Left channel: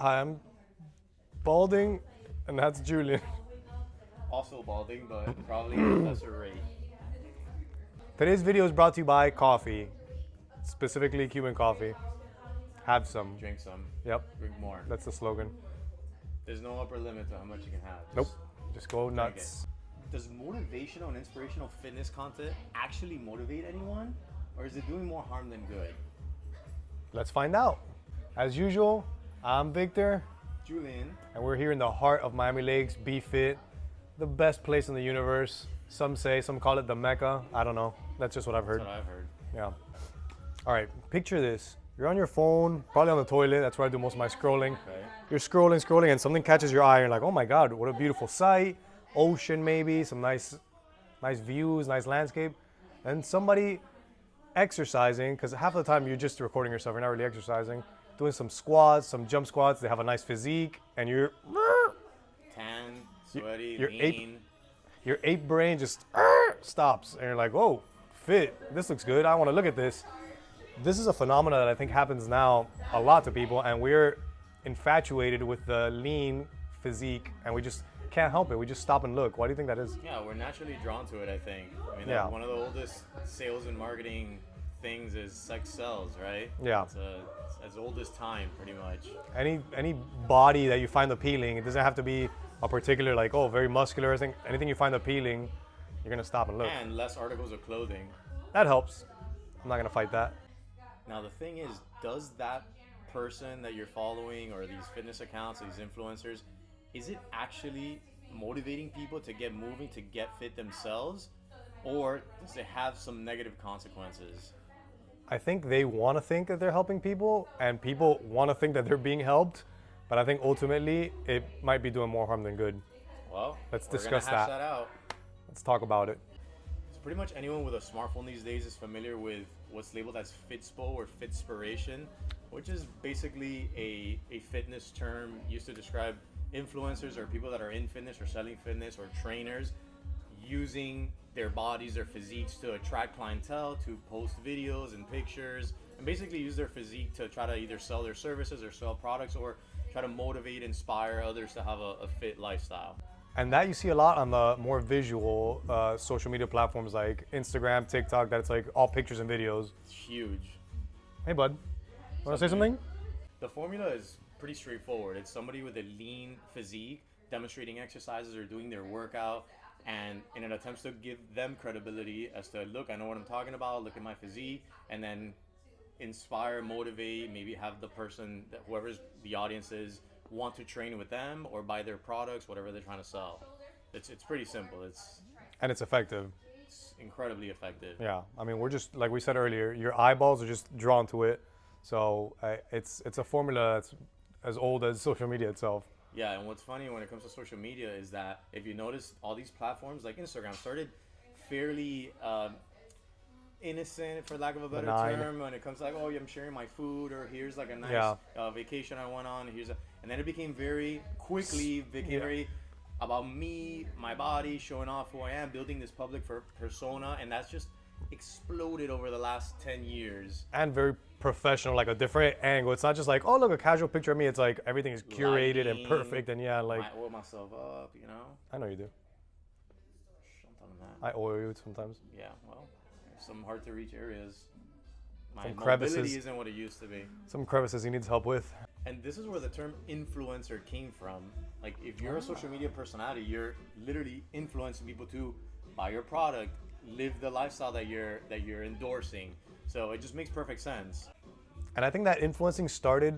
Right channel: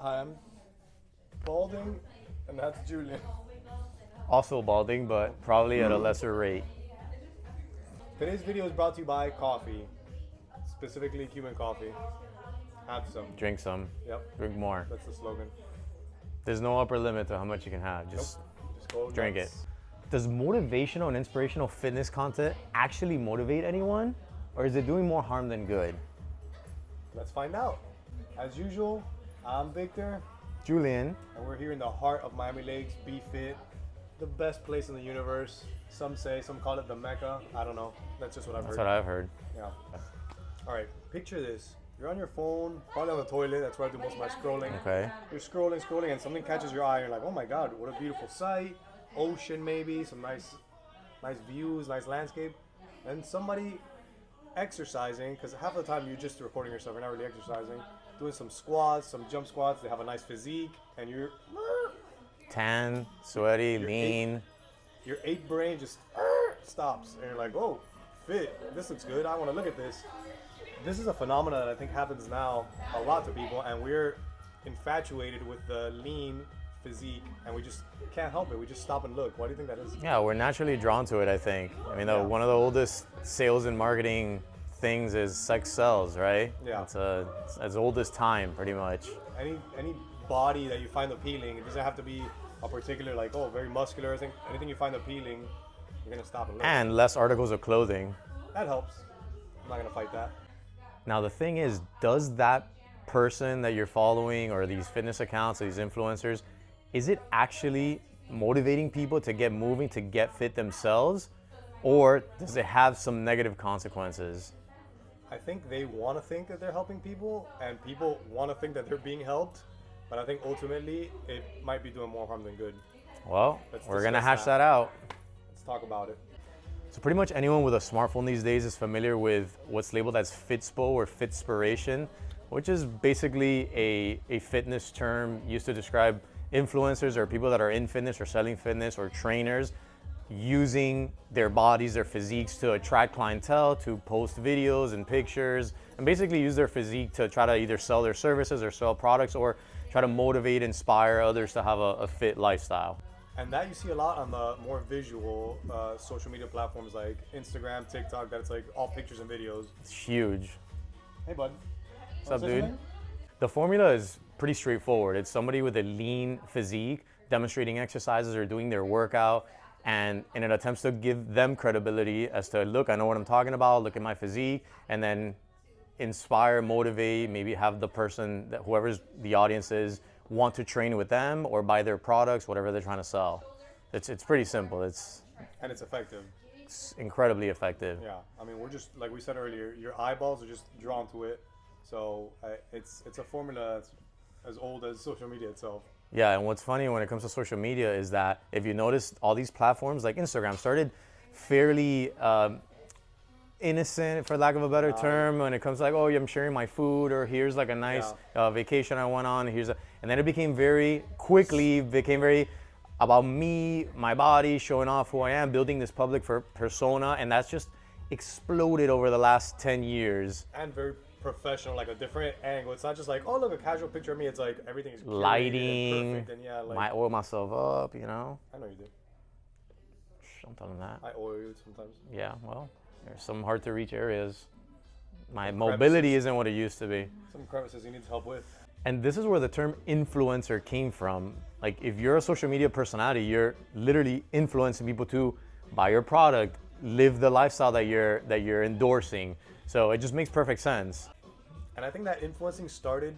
Hi, I'm balding, and that's Julian. Also balding, but probably at a lesser rate. Today's video is brought to you by coffee, specifically Cuban coffee. Have some. Drink some. Yep, Drink more. that's the slogan. There's no upper limit to how much you can have. Just Just go drink nuts. it. Does motivational and inspirational fitness content actually motivate anyone? Or is it doing more harm than good? Let's find out. As usual, I'm Victor, Julian. and we're here in the heart of Miami Lakes. Be Fit, the best place in the universe. Some call it the Mecca. I don't know. That's just what I've heard. That's what I've heard. Yeah. All right, picture this. You're on your phone, probably on the toilet. That's where I do most of my scrolling. Okay. You're scrolling, and something catches your eye. And you're like, oh my God, what a beautiful sight. Ocean maybe, some nice views, nice landscape. And somebody exercising, because half the time you're just recording yourself, you're not really exercising, doing some squats, some jump squats. They have a nice physique, and you're Tan, sweaty, Your lean. your ape brain just stops, and you're like, whoa, fit. This looks good. I want to look at this. This is a phenomenon that I think happens now a lot to people, and we're infatuated with the lean physique, and we just can't help it. We just stop and look. Why do you think that is? Yeah, we're naturally drawn to it, I think. I mean, Yeah. one of the oldest sales and marketing things is sex sells, right? Yeah. It's as old as time, pretty much. Any body that you find appealing, it doesn't have to be a particular, like, oh, very muscular. I think anything you find appealing, you're gonna stop and look. And less articles of clothing. That helps. I'm not gonna fight that. Now, the thing is, does that person that you're following or these fitness accounts or these influencers, is it actually motivating people to get moving, to get fit themselves? Or does it have some negative consequences? I think they want to think that they're helping people, and people want to think that they're being helped. But I think ultimately it might be doing more harm than good. Well, Let's we're gonna discuss hash that. that out. Let's talk about it. So pretty much anyone with a smartphone these days is familiar with what's labeled as Fitspo or Fitspiration, which is basically a fitness term used to describe influencers or people that are in fitness or selling fitness or trainers using their bodies, their physiques to attract clientele, to post videos and pictures, and basically use their physique to try to either sell their services or sell products or try to motivate, inspire others to have a fit lifestyle. And that you see a lot on the more visual social media platforms like Instagram, TikTok, that's like all pictures and videos. It's huge. Hey, bud. Want up, to say dude? something? The formula is pretty straightforward. It's somebody with a lean physique demonstrating exercises or doing their workout, and in an attempt to give them credibility as to, look, I know what I'm talking about, look at my physique, and then inspire, motivate, maybe have the person, that whoever's the audience is, want to train with them or buy their products, whatever they're trying to sell. It's pretty simple. It's Effective. incredibly effective. Yeah. I mean, we're just, like we said earlier, your eyeballs are just drawn to it. So it's a formula that's as old as social media itself. Yeah, and what's funny when it comes to social media is that if you notice, all these platforms like Instagram started fairly innocent, for lack of a better term, when it comes to like, oh, I'm sharing my food, or here's like a nice vacation I went on, and then it became very about me, my body, showing off who I am, building this public persona, and that's just exploded over the last 10 years. And very professional, like a different angle. It's not just like, oh, look, a casual picture of me. It's like everything is curated Lighting, and perfect. And yeah, like, I oil myself up, you know? I know you do. Don't tell them that. I oil you sometimes. Yeah, well, there's some hard to reach areas. My Some mobility crevices. isn't what it used to be. Some crevices he needs help with. And this is where the term influencer came from. Like, if you're a social media personality, you're literally influencing people to buy your product, live the lifestyle that you're endorsing. So it just makes perfect sense. And I think that influencing started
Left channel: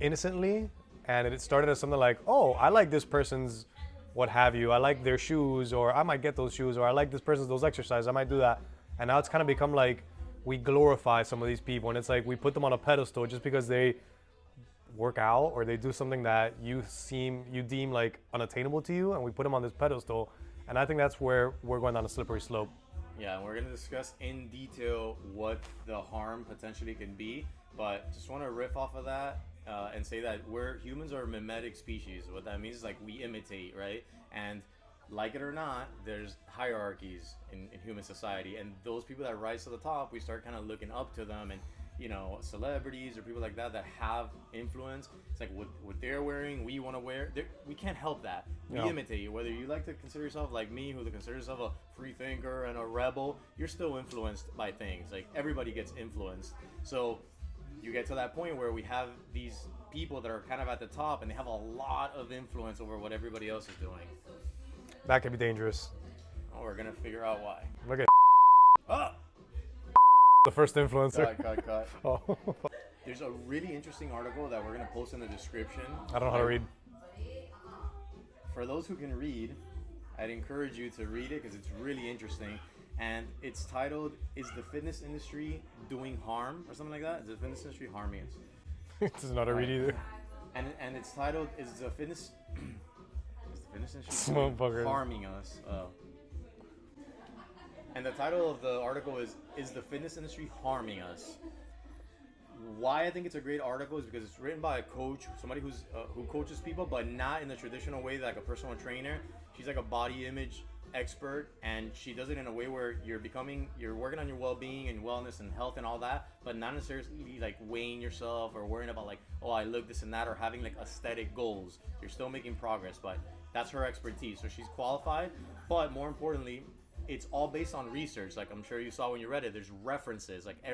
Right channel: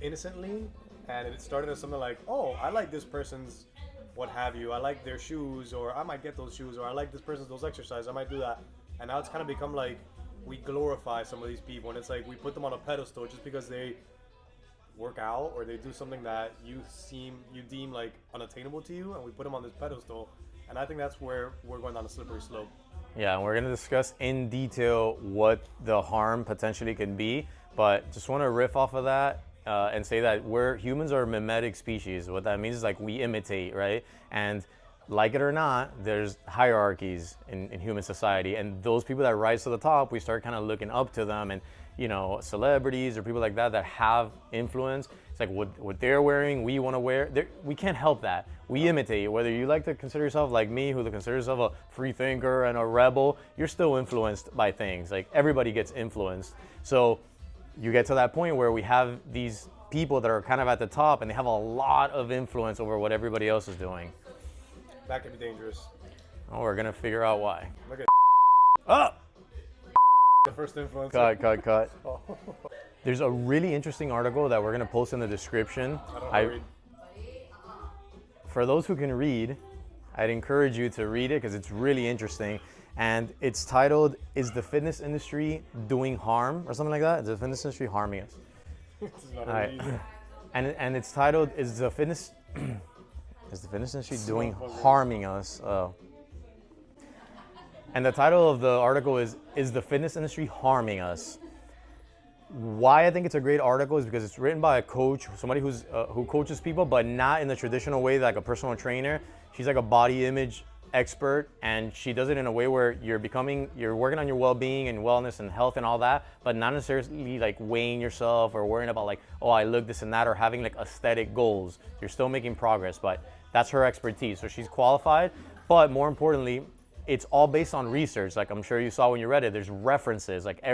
innocently, and it started as something like, oh, I like this person's what have you. I like their shoes, or I might get those shoes, or I like this person's those exercises. I might do that. And now it's kind of become like we glorify some of these people, and it's like we put them on a pedestal just because they work out or they do something that you deem like unattainable to you, and we put them on this pedestal. And I think that's where we're going down a slippery slope. Yeah, and we're gonna discuss in detail what the harm potentially can be, but just wanna riff off of that and say that humans are a mimetic species. What that means is like we imitate, right? And like it or not, there's hierarchies in human society, and those people that rise to the top, we start kind of looking up to them, and you know, celebrities or people like that have influence, It's like what they're wearing, we want to wear. We can't help that. We imitate. Whether you like to consider yourself like me, who considers yourself a free thinker and a rebel, you're still influenced by things. Like everybody gets influenced. So you get to that point where we have these people that are kind of at the top and they have a lot of influence over what everybody else is doing. That can be dangerous. Oh, we're gonna figure out why. Look at oh! The first influencer. Cut. Oh. There's a really interesting article that we're gonna post in the description. I don't know how to read. For those who can read, I'd encourage you to read it because it's really interesting. And it's titled, "Is the fitness industry doing harm?" or something like that. Is the fitness industry harming us? This is not a read either. And it's titled, "Is the fitness industry doing Motherfucker. harming us?" And the title of the article is the fitness industry harming us? Why I think it's a great article is because it's written by a coach, somebody who coaches people, but not in the traditional way like a personal trainer. She's like a body image expert, and she does it in a way where you're working on your well-being and wellness and health and all that, but not necessarily like weighing yourself or worrying about like, oh, I look this and that, or having like aesthetic goals. You're still making progress, but that's her expertise. So she's qualified, but more importantly, it's all based on research. Like I'm sure you saw when you read it, there's references. Like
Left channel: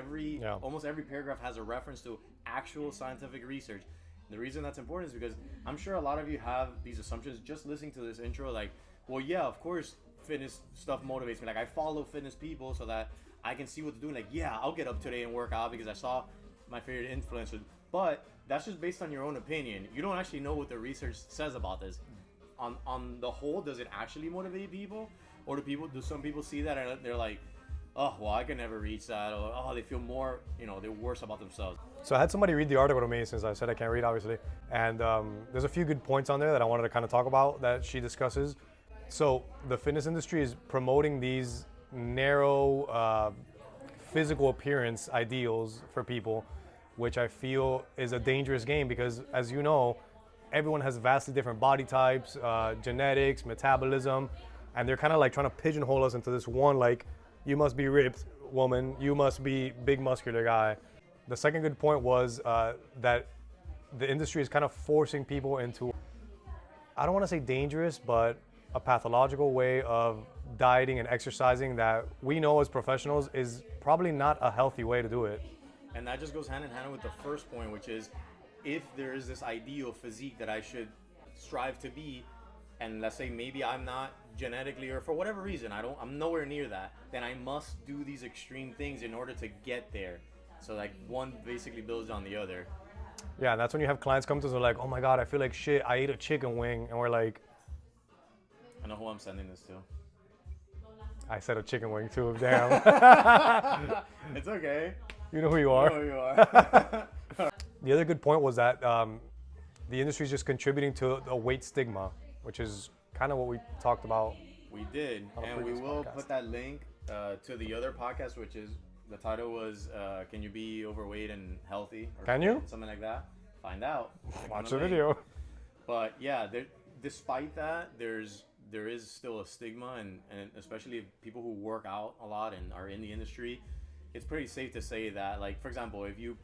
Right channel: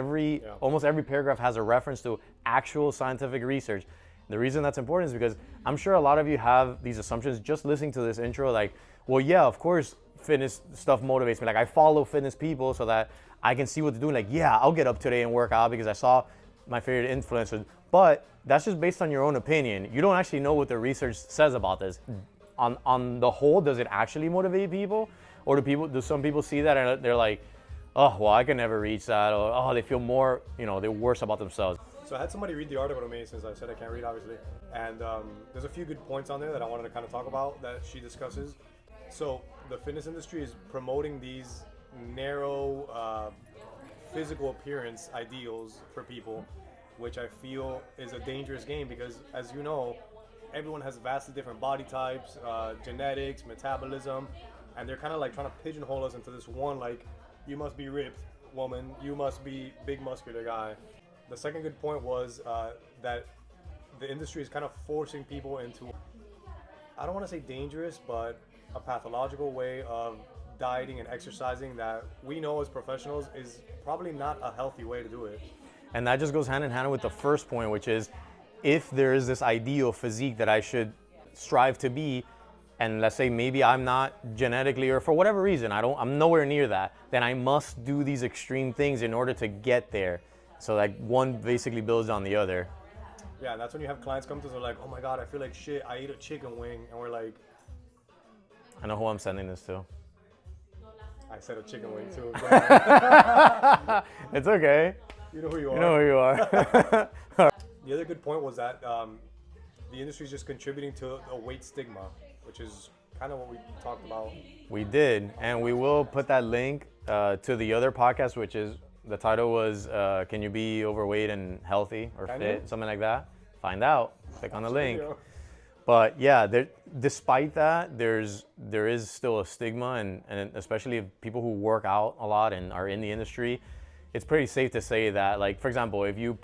almost every paragraph has a reference to actual scientific research. The reason that's important is because I'm sure a lot of you have these assumptions just listening to this intro, like, well, yeah, of course, fitness stuff motivates me. Like I follow fitness people so that I can see what they're doing. Like, yeah, I'll get up today and work out because I saw my favorite influencers. But that's just based on your own opinion. You don't actually know what the research says about this. On the whole, does it actually motivate people? Or do some people see that and they're like, oh, well, I can never reach that, or oh, they feel more, they're worse about themselves. So I had somebody read the article to me since I said I can't read, obviously. And there's a few good points on there that I wanted to kind of talk about that she discusses. So the fitness industry is promoting these narrow physical appearance ideals for people, which I feel is a dangerous game because, as you know, everyone has vastly different body types, genetics, metabolism, and they're kind of like trying to pigeonhole us into this one, like, you must be ripped woman, you must be big muscular guy. The second good point was that the industry is kind of forcing people into, I don't want to say dangerous, but a pathological way of dieting and exercising that we know as professionals is probably not a healthy way to do it. And that just goes hand in hand with the first point, which is if there is this ideal physique that I should strive to be, and let's say maybe I'm not genetically, or for whatever reason, I'm nowhere near that, then I must do these extreme things in order to get there. So like one basically builds on the other. Yeah, and that's when you have clients come to us and they're like, oh my God, I feel like shit, I ate a chicken wing. And we're like, I know who I'm sending this to. I said a chicken wing too, damn. It's okay. You know who you are. You know who you are. The other good point was that the industry is just contributing to a weight stigma, which is kind of what we talked about. We did, and we will put that link to the other podcast, which is, the title was, Can You Be Overweight and Healthy or Can Fit? you? Something like that. Find out. Click on the link. Video. But yeah, despite that, there is still a stigma, and especially if people who work out a lot and are in the industry, it's pretty safe to say that, like, for example, if you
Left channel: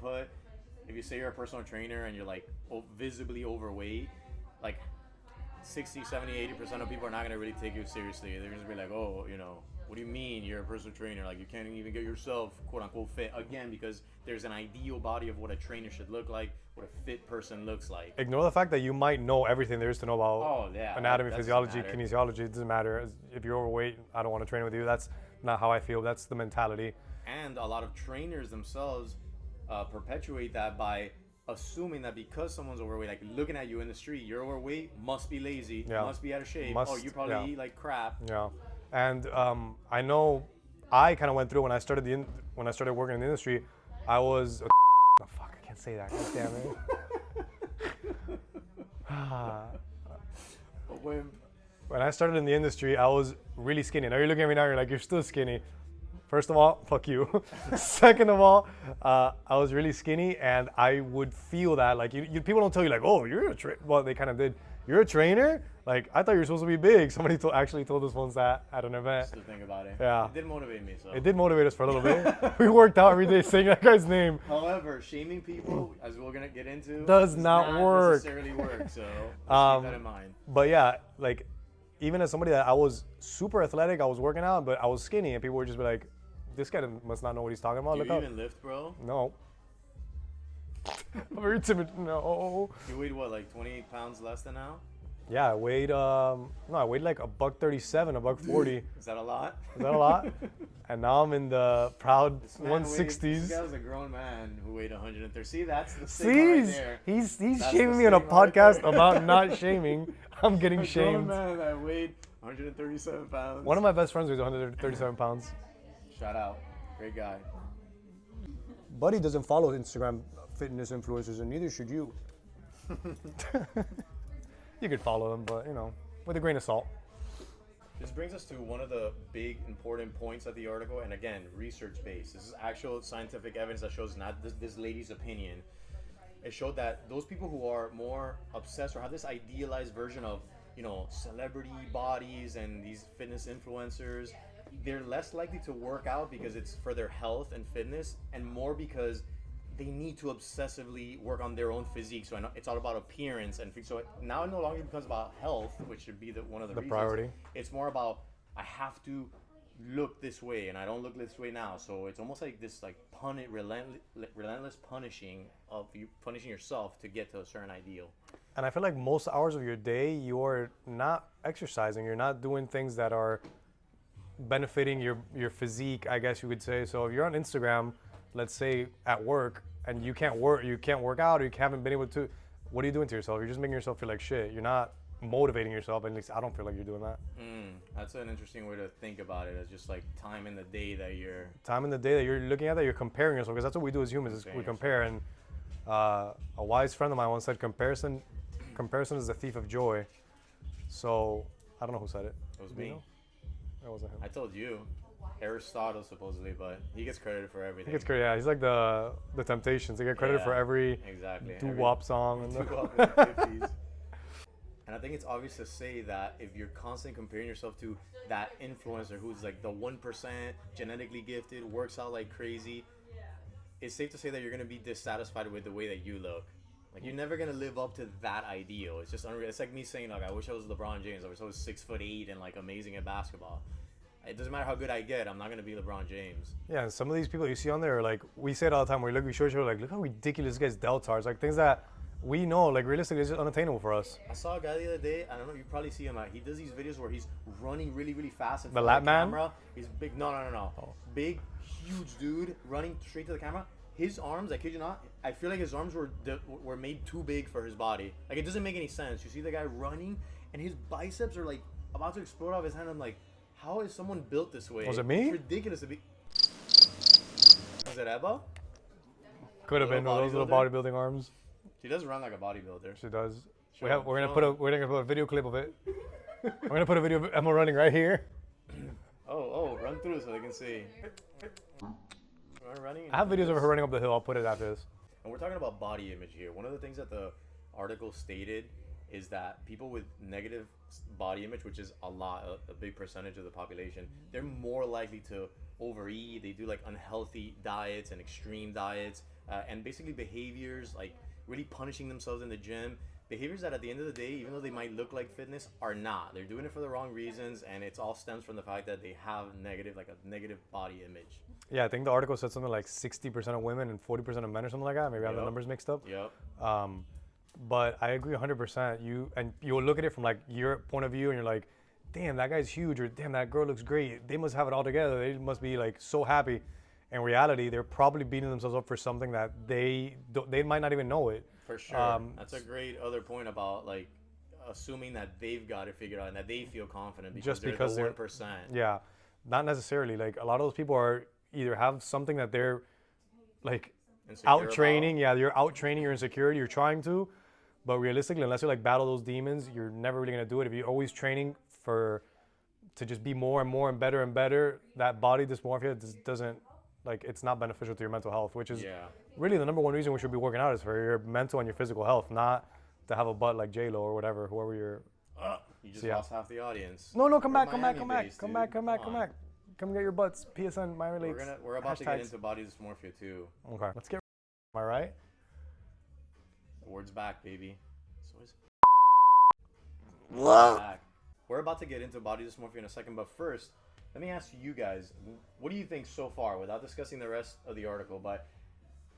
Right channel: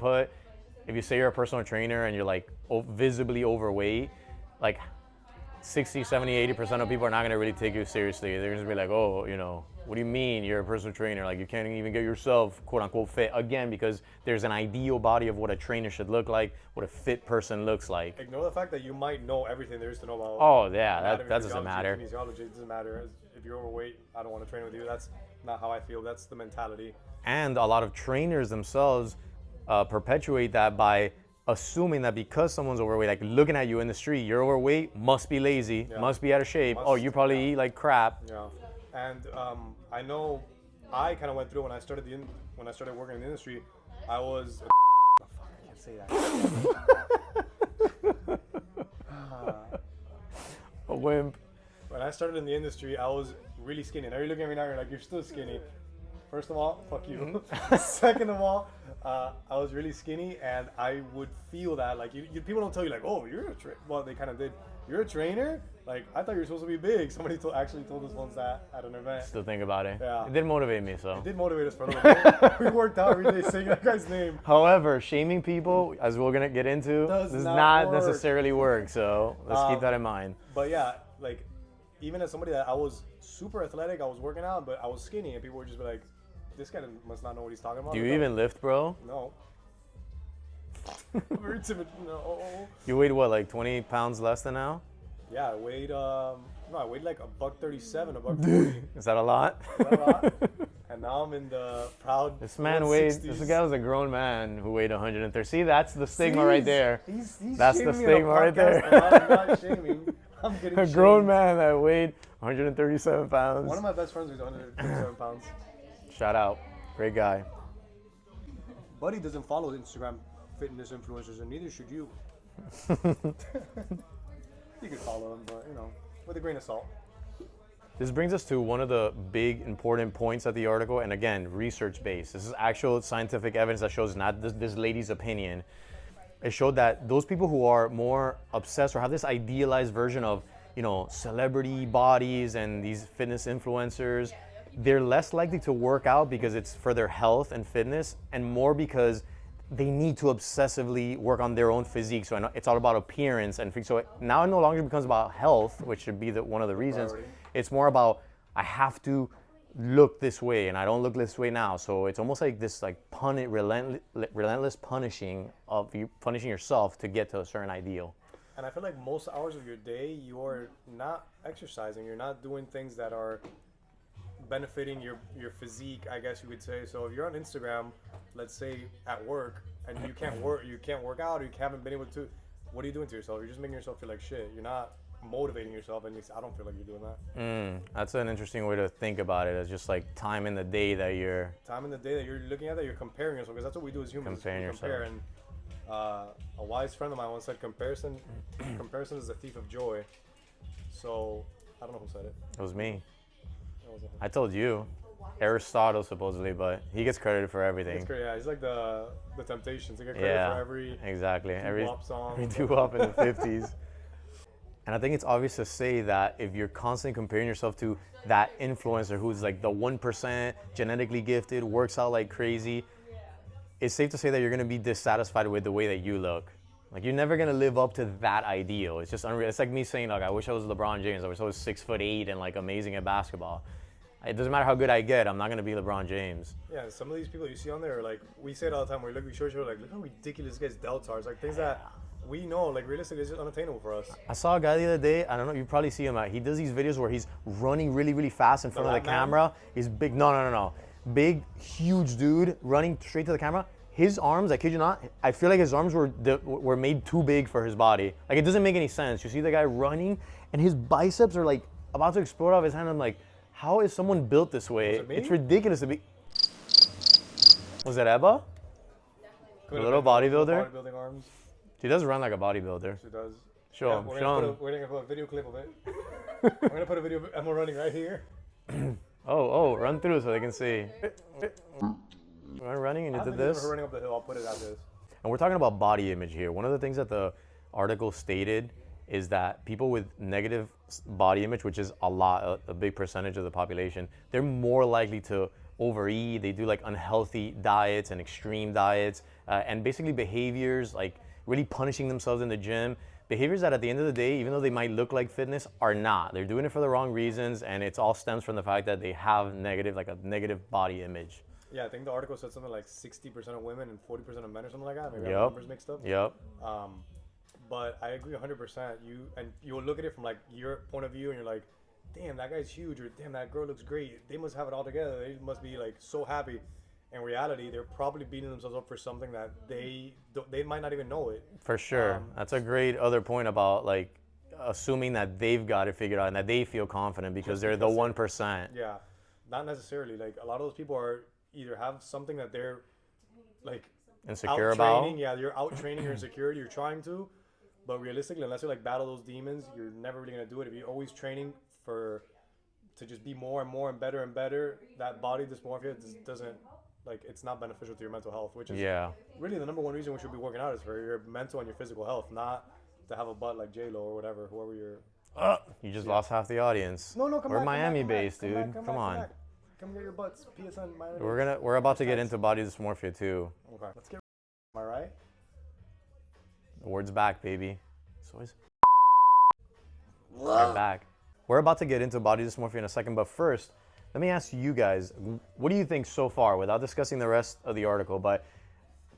say you're a personal trainer and you're like visibly overweight, like 60, 70, 80% of people are not going to really take you seriously. They're going to be like, oh, what do you mean you're a personal trainer? Like, you can't even get yourself, quote unquote, fit. Again, because there's an ideal body of what a trainer should look like, what a fit person looks like. Ignore the fact that you might know everything there is to know about anatomy, physiology, kinesiology. It doesn't matter. If you're overweight, I don't want to train with you. That's not how I feel. That's the mentality. And a lot of trainers themselves perpetuate that by assuming that because someone's overweight, like looking at you in the street, you're overweight, must be lazy, must be out of shape. You probably eat like crap. Yeah, and I know I kind of went through when I started working in the industry. I was fuck, I can't say that. A wimp. When I started in the industry, I was really skinny. Now you're looking at me now, you're like, you're still skinny. First of all, fuck you. Second of all, I was really skinny, and I would feel that. Like, people don't tell you, like, oh, you're a trainer. Well, they kind of did. You're a trainer? Like, I thought you were supposed to be big. Somebody actually told us once that at an event. Still think about it. Yeah. It did motivate me, so. It did motivate us for a little bit. We worked out every day saying that guy's name. However, shaming people, as we're gonna get into, does not work. necessarily work. So let's keep that in mind. But yeah, like, even as somebody that I was super athletic, I was working out, but I was skinny, and people would just be like, this guy must not know what he's talking about. Do you even lift, bro? No. Very timid. No. You weighed what, like 20 pounds less than now? Yeah, I weighed I weighed like $137, $140. Is that a lot? Is that a lot? And now I'm in the proud This man 160s. weighed. This guy was a grown man who weighed 130. See, that's the stigma right there. He's That's shaming the me on a stigma right podcast there. about not shaming. I'm getting A shamed. grown man that weighed 137 pounds. One of my best friends weighs 137 pounds. Shout out, great guy. Buddy doesn't follow Instagram fitness influencers, and neither should you. You could follow them, but, you know, with a grain of salt. This brings us to one of the big important points of the article, and again, research-based. This is actual scientific evidence that shows not this lady's opinion. It showed that those people who are more obsessed or have this idealized version of, you know, celebrity bodies and these fitness influencers, they're less likely to work out because it's for their health and fitness, and more because they need to obsessively work on their own physique. So I know it's all about appearance and so now it no longer becomes about health, which should be one of the reasons. Priority. It's more about I have to look this way and I don't look this way now. So it's almost like this like relentless punishing of you punishing yourself to get to a certain ideal. And I feel like most hours of your day, you're not exercising. You're not doing things that are benefiting your physique, I guess you could say. So if you're on Instagram, let's say at work, and you can't work out, or you haven't been able to, what are you doing to yourself? You're just making yourself feel like shit. You're not motivating yourself. At least I don't feel like you're doing that. That's an interesting way to think about it. It's just like time in the day that you're looking at, that you're comparing yourself, because that's what we do as humans. We Comparing compare. And a wise friend of mine once said, comparison is the thief of joy. So I don't know who said it. It was me. It wasn't him. I told you. Aristotle supposedly, but he gets credited for everything. It's great. Yeah, he's like the Temptations. They get credit for every doo-wop song. Doo-wop in the 50s. And I think it's obvious to say that if you're constantly comparing yourself to that influencer who's like the 1%, genetically gifted, works out like crazy, it's safe to say that you're going to be dissatisfied with the way that you look. Like, you're never going to live up to that ideal. It's just unreal. It's like me saying, like, I wish I was LeBron James. I wish I was 6'8" and like amazing at basketball. It doesn't matter how good I get, I'm not going to be LeBron James. Yeah, and some of these people you see on there, like, we say it all the time, we show each other, like, look how ridiculous this guy's delts are. It's like things that we know, like, realistically, is just unattainable for us. I saw a guy the other day, I don't know, you probably see him, he does these videos where he's running really, really fast in front of the camera. He's big, no. Big, huge dude running straight to the camera. His arms, I kid you not, I feel like his arms were made too big for his body. Like, it doesn't make any sense. You see the guy running, and his biceps are, like, about to explode off his hand. I'm like, how is someone built this way? Was it me? It's ridiculous to be. Was it Ebba? Could have little been bodybuilder? bodybuilding arms. She does run like a bodybuilder. She does. Show Yeah, him, we're show gonna him. put a video clip of it. We're gonna put a video of Emma running right here. Oh, run through so they can see. Am I running? I have videos of her running up the hill. I'll put it after this. And we're talking about body image here. One of the things that the article stated is that people with negative body image, which is a big percentage of the population, they're more likely to overeat. They do like unhealthy diets and extreme diets, and basically behaviors like really punishing themselves in the gym. Behaviors that at the end of the day, even though they might look like fitness, are not. They're doing it for the wrong reasons, and it all stems from the fact that they have a negative body image. Yeah, I think the article said something like 60% of women and 40% of men or something like that. Maybe I have the numbers mixed up. Yep. But I agree 100%. You'll look at it from like your point of view, and you're like, damn, that guy's huge, or damn, that girl looks great. They must have it all together. They must be like so happy. In reality, they're probably beating themselves up for something that they might not even know it. For sure. That's a great other point about like assuming that they've got it figured out and that they feel confident because they're the 1%. Yeah, not necessarily. Like a lot of those people are either have something that they're like Insecure out training. about. Yeah, you're out training your insecurity. You're trying to, but realistically, unless you like battle those demons, you're never really gonna do it. If you're always training to just be more and more and better, that body dysmorphia just doesn't, like, it's not beneficial to your mental health, which is really the number one reason we should be working out is for your mental and your physical health, not to have a butt like J-Lo or whatever, whoever you're. You just lost half the audience. No, come We're back, Miami come back, based, come dude. back, come on. back. Come get your butts. PSN, Miami. We're about to get into body dysmorphia too. Okay, let's get. Am I right? The word's back, baby. So is back. We're about to get into body dysmorphia in a second, but first, let me ask you guys, what do you think so far, without discussing the rest of the article, but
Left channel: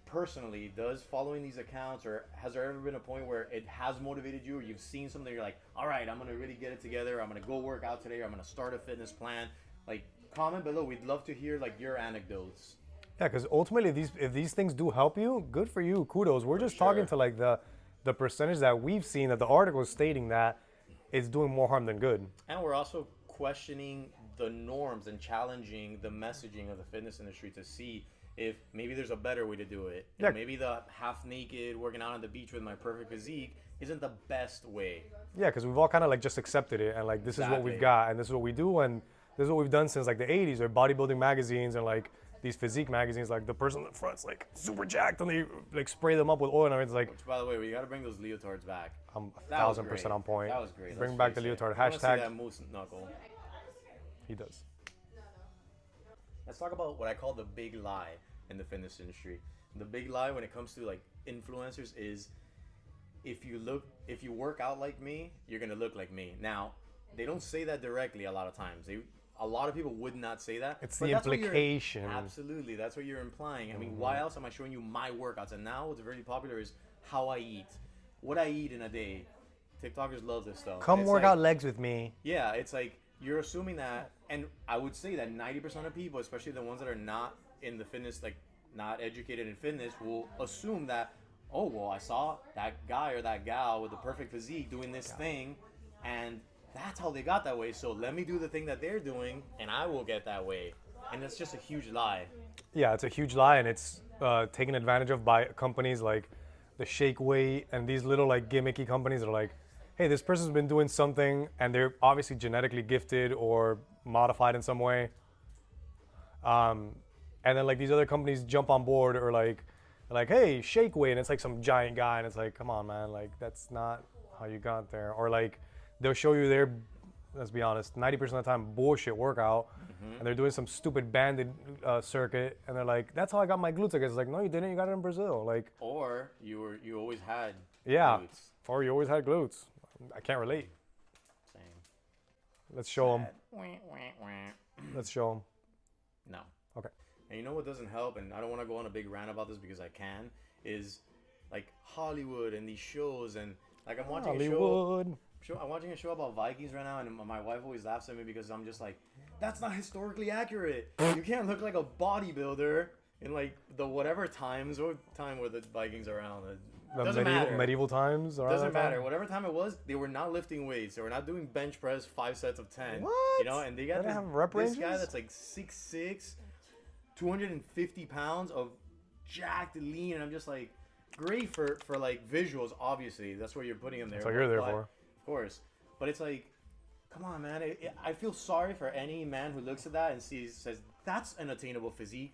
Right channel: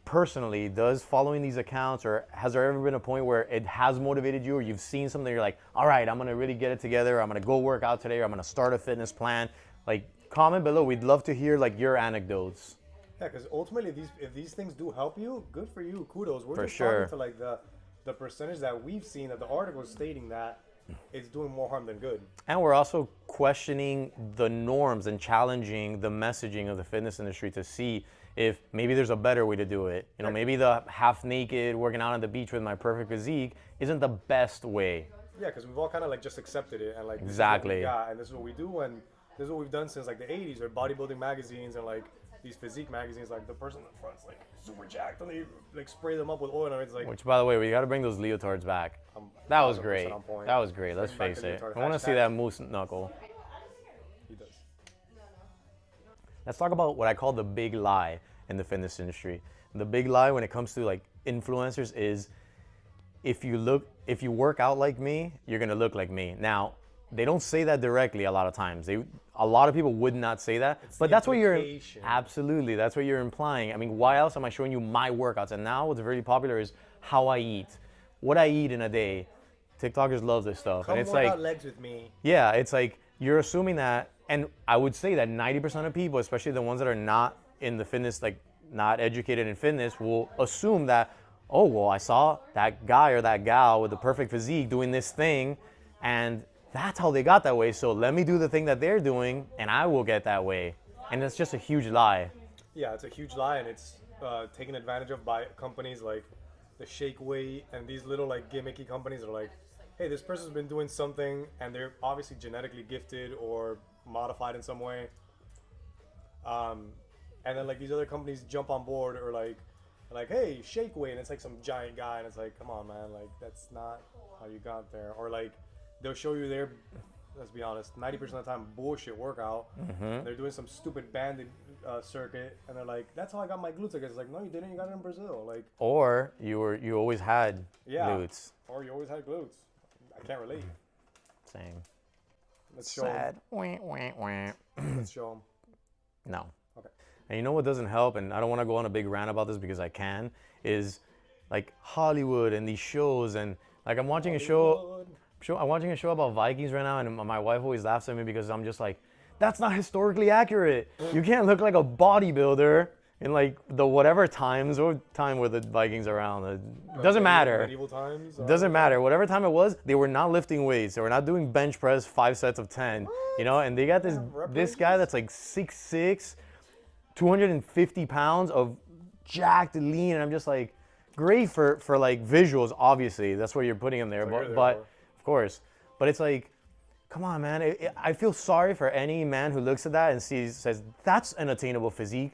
personally, does following these accounts, or has there ever been a point where it has motivated you, or you've seen something you're like, all right, I'm going to really get it together, I'm going to go work out today, or I'm going to start a fitness plan? Like, comment below. We'd love to hear like your anecdotes. Yeah, because ultimately, if these things do help you, good for you. Kudos. We're just sure. talking to like the percentage that we've seen that the article is stating that it's doing more harm than good. And we're also questioning the norms and challenging the messaging of the fitness industry to see if maybe there's a better way to do it. You know, maybe the half naked working out on the beach with my perfect physique isn't the best way. Yeah, because we've all kind of like just accepted it and like this is what we've got and this is what we do and this is what we've done since like the 80s or bodybuilding magazines and like these physique magazines, like the person in the front's like super jacked and they like spray them up with oil and everything's like. Which, by the way, we got to bring those leotards back. That was great. On point. That was great. Let's Bring back face the it. leotard. I want to see that moose knuckle. He does. Let's talk about what I call the big lie in the fitness industry. The big lie when it comes to like influencers is if you work out like me, you're gonna look like me. Now, they don't say that directly a lot of times. A lot of people would not say that, but that's what you're absolutely. That's what you're implying. I mean, why else am I showing you my workouts? And now what's very popular is how I eat, what I eat in a day. TikTokers love this stuff. Come work out legs with me. Yeah, it's like you're assuming that, and I would say that 90% of people, especially the ones that are not in the fitness, like not educated in fitness, will assume that, oh, well, I saw that guy or that gal with the perfect physique doing this thing, and that's how they got that way. So let me do the thing that they're doing, and I will get that way. And that's just a huge lie. Yeah, it's a huge lie, and it's taken advantage of by companies like the Shake Weight and these little like gimmicky companies that are like, hey, this person's been doing something, and they're obviously genetically gifted or modified in some way. And then like these other companies jump on board or like, hey, Shake Weight, and it's like some giant guy, and it's like, come on, man, like that's not how you got there. Or like, they'll show you their, let's be honest, 90% of the time bullshit workout. And they're doing some stupid banded circuit, and they're like, "That's how I got my glutes." I guess it's like, no, you didn't. You got it in Brazil. Like, or you always had glutes. Or you always had glutes. I can't relate. Same. Let's show them. Let's show them. No. Okay. And you know what doesn't help, and I don't want to go on a big rant about this because I can, is like Hollywood and these shows, and like I'm watching a show. I'm watching a show about Vikings right now, and my wife always laughs at me because I'm just like, that's not historically accurate. You can't look like a bodybuilder in like the whatever times or time where the Vikings are around. It doesn't matter. Medieval times? It doesn't matter. Whatever time it was, they were not lifting weights. They were not doing bench press 5 sets of 10. What? You know, and they got this guy that's like 6'6", 250 pounds of jacked lean, and I'm just like, great for like visuals, obviously. That's where you're putting him there. But of course. But it's like, come on, man. I feel sorry for any man who looks at that and says, that's an attainable physique.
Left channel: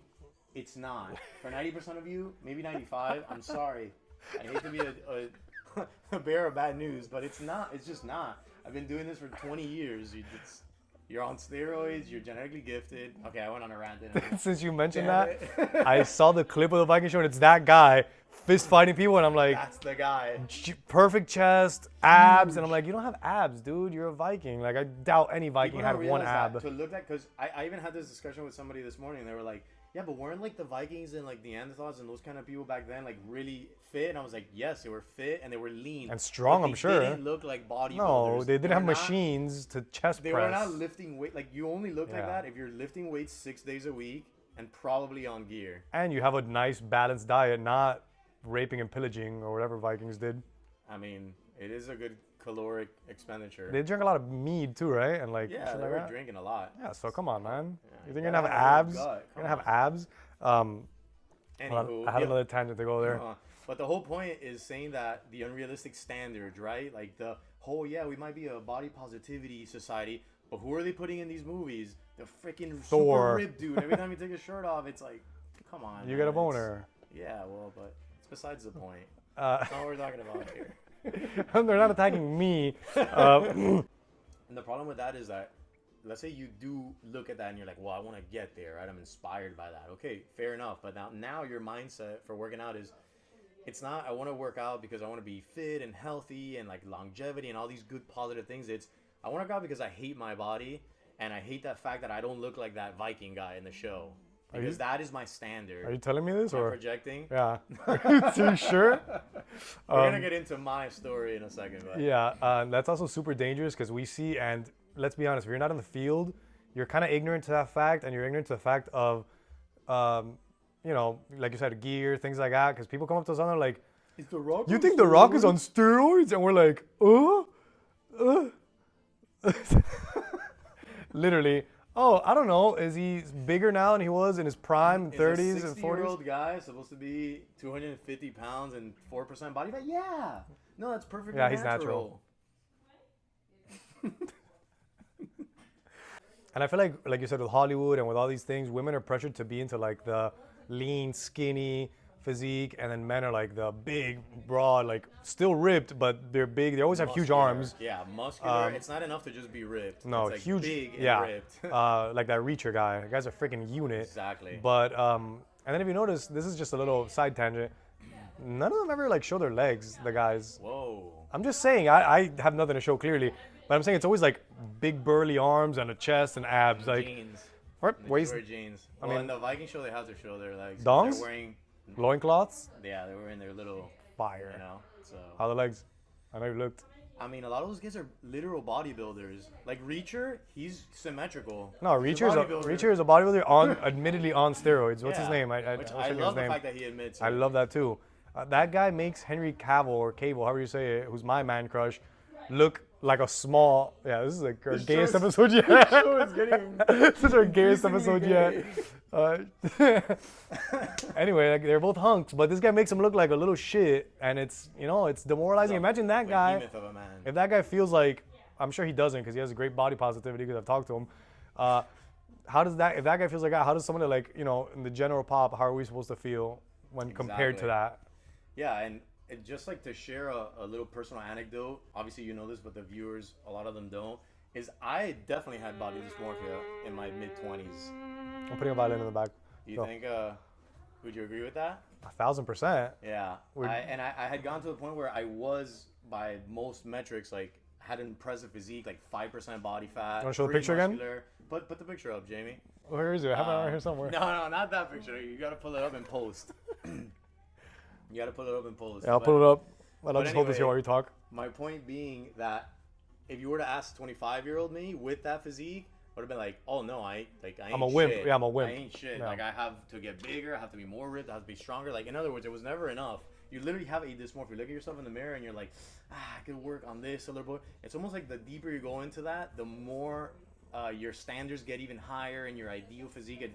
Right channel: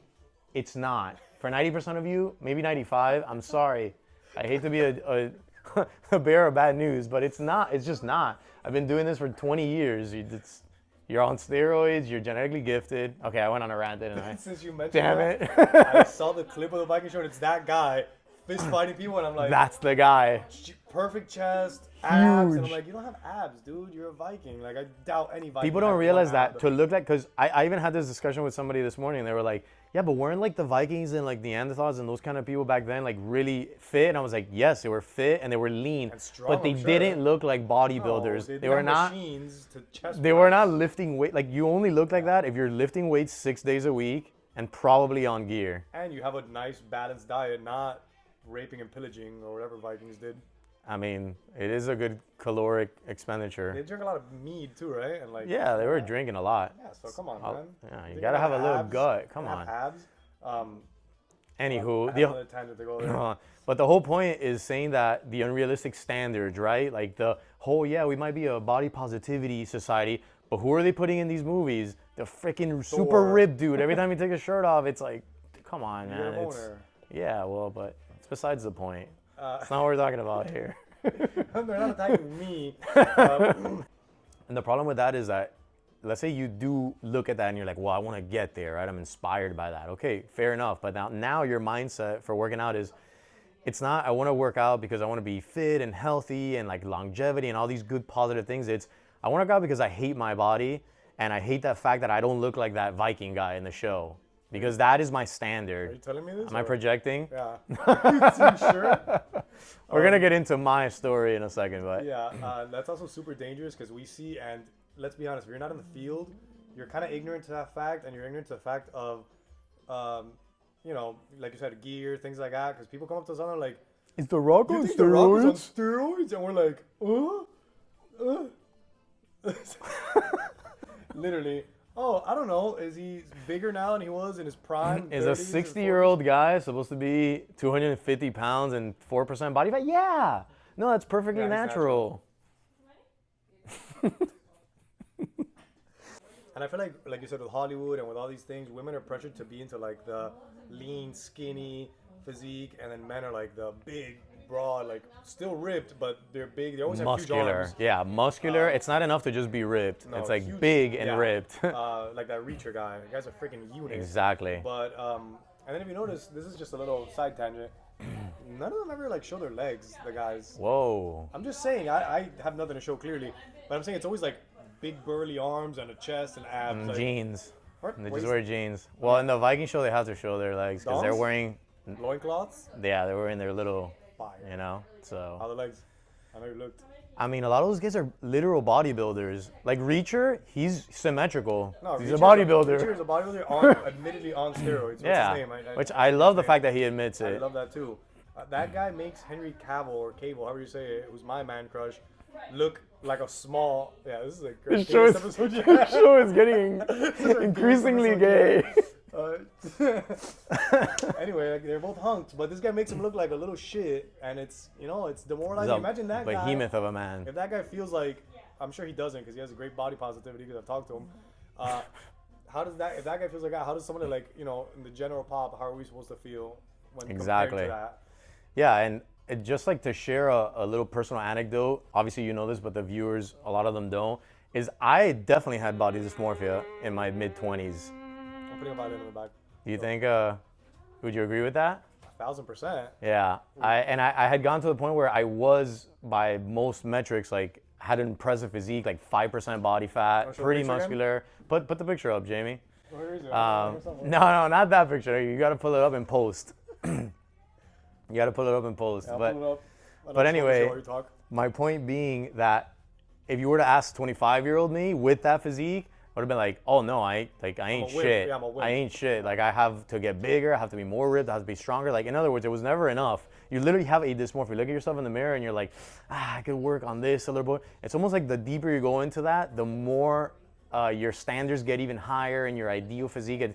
It's not. For 90% of you, maybe 95, I'm sorry. I hate to be a bearer of bad news, but it's not. It's just not. I've been doing this for 20 years. You're on steroids. You're genetically gifted. Okay, I went on a rant, didn't I? Since you mentioned that, I saw the clip of the Viking show, and it's that guy fist fighting people, and I'm like, that's the guy. Perfect chest, abs, and I'm like, you don't have abs, dude. You're a Viking. Like, I doubt any Viking. People don't realize that to look like, because I even had this discussion with somebody this morning. They were like, yeah, but weren't like the Vikings and like Neanderthals and those kind of people back then like really fit? And I was like, yes, they were fit and they were lean and strong, but they didn't look like bodybuilders. No, they were not machines to chest They press. were not lifting weight. Like, you only look like that if you're lifting weights 6 days a week and probably on gear. And you have a nice balanced diet, not raping and pillaging or whatever Vikings did. I mean, it is a good caloric expenditure. They drink a lot of mead too, right? And like, yeah, they were drinking a lot. Yeah, so come on, man. Yeah, you gotta have a little gut. Come on. Have abs. Anywho, I have another tangent to go there. But the whole point is saying that the unrealistic standards, right? Like the whole, yeah, we might be a body positivity society, But who are they putting in these movies? The freaking Thor. super ripped dude. Every time he takes his shirt off, it's like, come on. You man. get a boner. Yeah, well, but it's besides the point. That's not what we're talking about here. They're not attacking me. And the problem with that is that, let's say you do look at that and you're like, well, I want to get there, right? I'm inspired by that. Okay, fair enough. But now your mindset for working out is, it's not, I want to work out because I want to be fit and healthy and like longevity and all these good positive things. It's, I want to work out because I hate my body and I hate that fact that I don't look like that Viking guy in the show. Because that is my standard. Are you telling me this? Am I projecting? Yeah. Are you sure? We're going to get into my story in a second. But Yeah, that's also super dangerous because we see, and let's be honest, if you're not in the field, you're kind of ignorant to that fact, and you're ignorant to the fact of, you know, like you said, gear, things like that, because people come up to us and they're like, is The Rock you think The Rock is on steroids? And we're like, Literally. Oh, I don't know. Is he bigger now than he was in his prime? Is 30s a 60-year-old guy supposed to be 250 pounds and 4% body fat? Yeah. No, that's perfectly Yeah, he's natural. And I feel like you said, with Hollywood and with all these things, women are pressured to be into like the lean, skinny physique, and then men are like the big, broad, like still ripped, but they're big. They always have huge arms. Yeah, muscular. It's not enough to just be ripped. No, it's like huge, big and ripped. Like that Reacher guy. The guy's a freaking unit. Exactly. But and then if you notice, this is just a little side tangent. None of them ever like show their legs. The guys. Whoa. I'm just saying, I have nothing to show clearly, but I'm saying it's always like big burly arms and a chest and abs. Like, Jeans. They waist, just wear jeans. Well, in the Viking show, they have to show their legs because they're Dongs? wearing. loincloths. Yeah, they're wearing their little. Fire. You know. So. How the legs? I know you looked. I mean, a lot of those guys are literal bodybuilders. Like Reacher, he's symmetrical. No, he's Reacher a bodybuilder. Reacher is a bodybuilder, on, admittedly on steroids. What's Yeah. his name? Which I I forget love his the name. fact that he admits it. I love that too. That guy makes Henry Cavill, or Cable, however you say it, who's my man crush, look like a small. Yeah, this is a gayest episode yet. The show is getting This is our gayest increasingly episode gay. yet. Anyway, like, they're both hunks, but this guy makes him look like a little shit, and it's it's demoralizing. Imagine that guy. Behemoth of a man. If that guy feels like, I'm sure he doesn't, because he has a great body positivity, because I've talked to him. How does that? If that guy feels like that, how does someone like in the general pop? How are we supposed to feel when compared to that? Yeah, and just like to share a little personal anecdote, obviously you know this, but the viewers, a lot of them don't, is I definitely had body dysmorphia in my mid-20s. I'm putting a violin in the back. Do you think, would you agree with that? 1,000%. Yeah, I had gone to the point where I was, by most metrics, like, had an impressive physique, like 5% body fat, show the pretty picture again? muscular. Put the picture up, Jamie. Where is it? I have it right here somewhere. No, not that picture. You got to pull it up in post. You got to pull it up in post. Yeah, I'll pull it up. But anyway, while you talk. my point being that if you were to ask 25-year-old me with that physique, I would have been like, oh no, I ain't a wimp. shit. Yeah, I'm a wimp. I ain't shit. Yeah. Like, I have to get bigger, I have to be more ripped, I have to be stronger. Like, in other words, it was never enough. You literally have a dysmorphia. You look at yourself in the mirror and you're like, I could work on this a little bit. It's almost like the deeper you go into that, the more your standards get even higher and your ideal physique.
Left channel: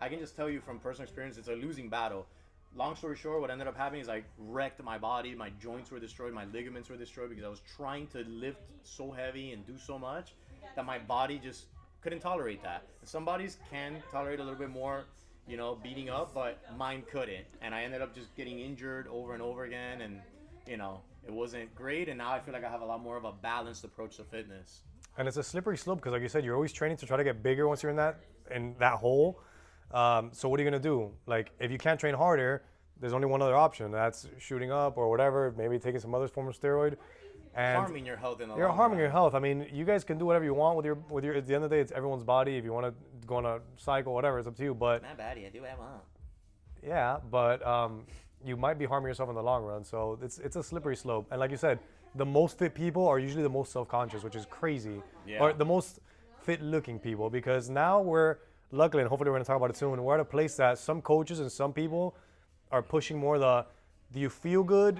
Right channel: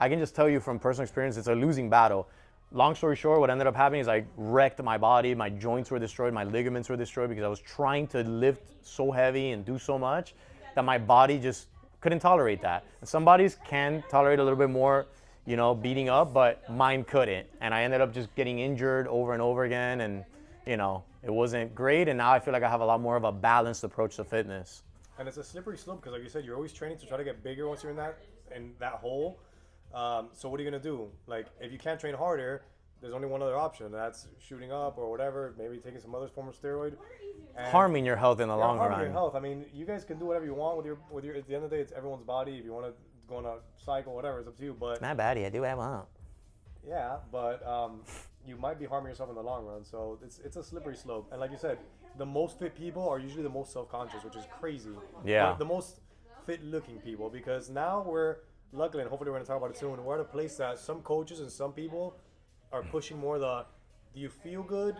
I can just tell you from personal experience, it's a losing battle. Long story short, what ended up happening is I wrecked my body. My joints were destroyed. My ligaments were destroyed because I was trying to lift so heavy and do so much that my body just couldn't tolerate that. And some bodies can tolerate a little bit more, beating up, but mine couldn't. And I ended up just getting injured over and over again. And, it wasn't great. And now I feel like I have a lot more of a balanced approach to fitness. And it's a slippery slope because, like you said, you're always training to try to get bigger once you're in that hole. So what are you gonna do? Like, if you can't train harder, there's only one other option. That's shooting up or whatever. Maybe taking some other form of steroid. And harming your health in the long run. You're harming your health. I mean, you guys can do whatever you want with your. At the end of the day, it's everyone's body. If you want to go on a cycle, whatever, it's up to you. But my body, I do what I want. Yeah, but you might be harming yourself in the long run. So it's a slippery slope. And like you said, the most fit people are usually the most self-conscious, which is crazy. Yeah. Or the most fit-looking people, because now we're luckily, and hopefully we're going to talk about it soon, we're at a place that some coaches and some people are pushing more do you feel good?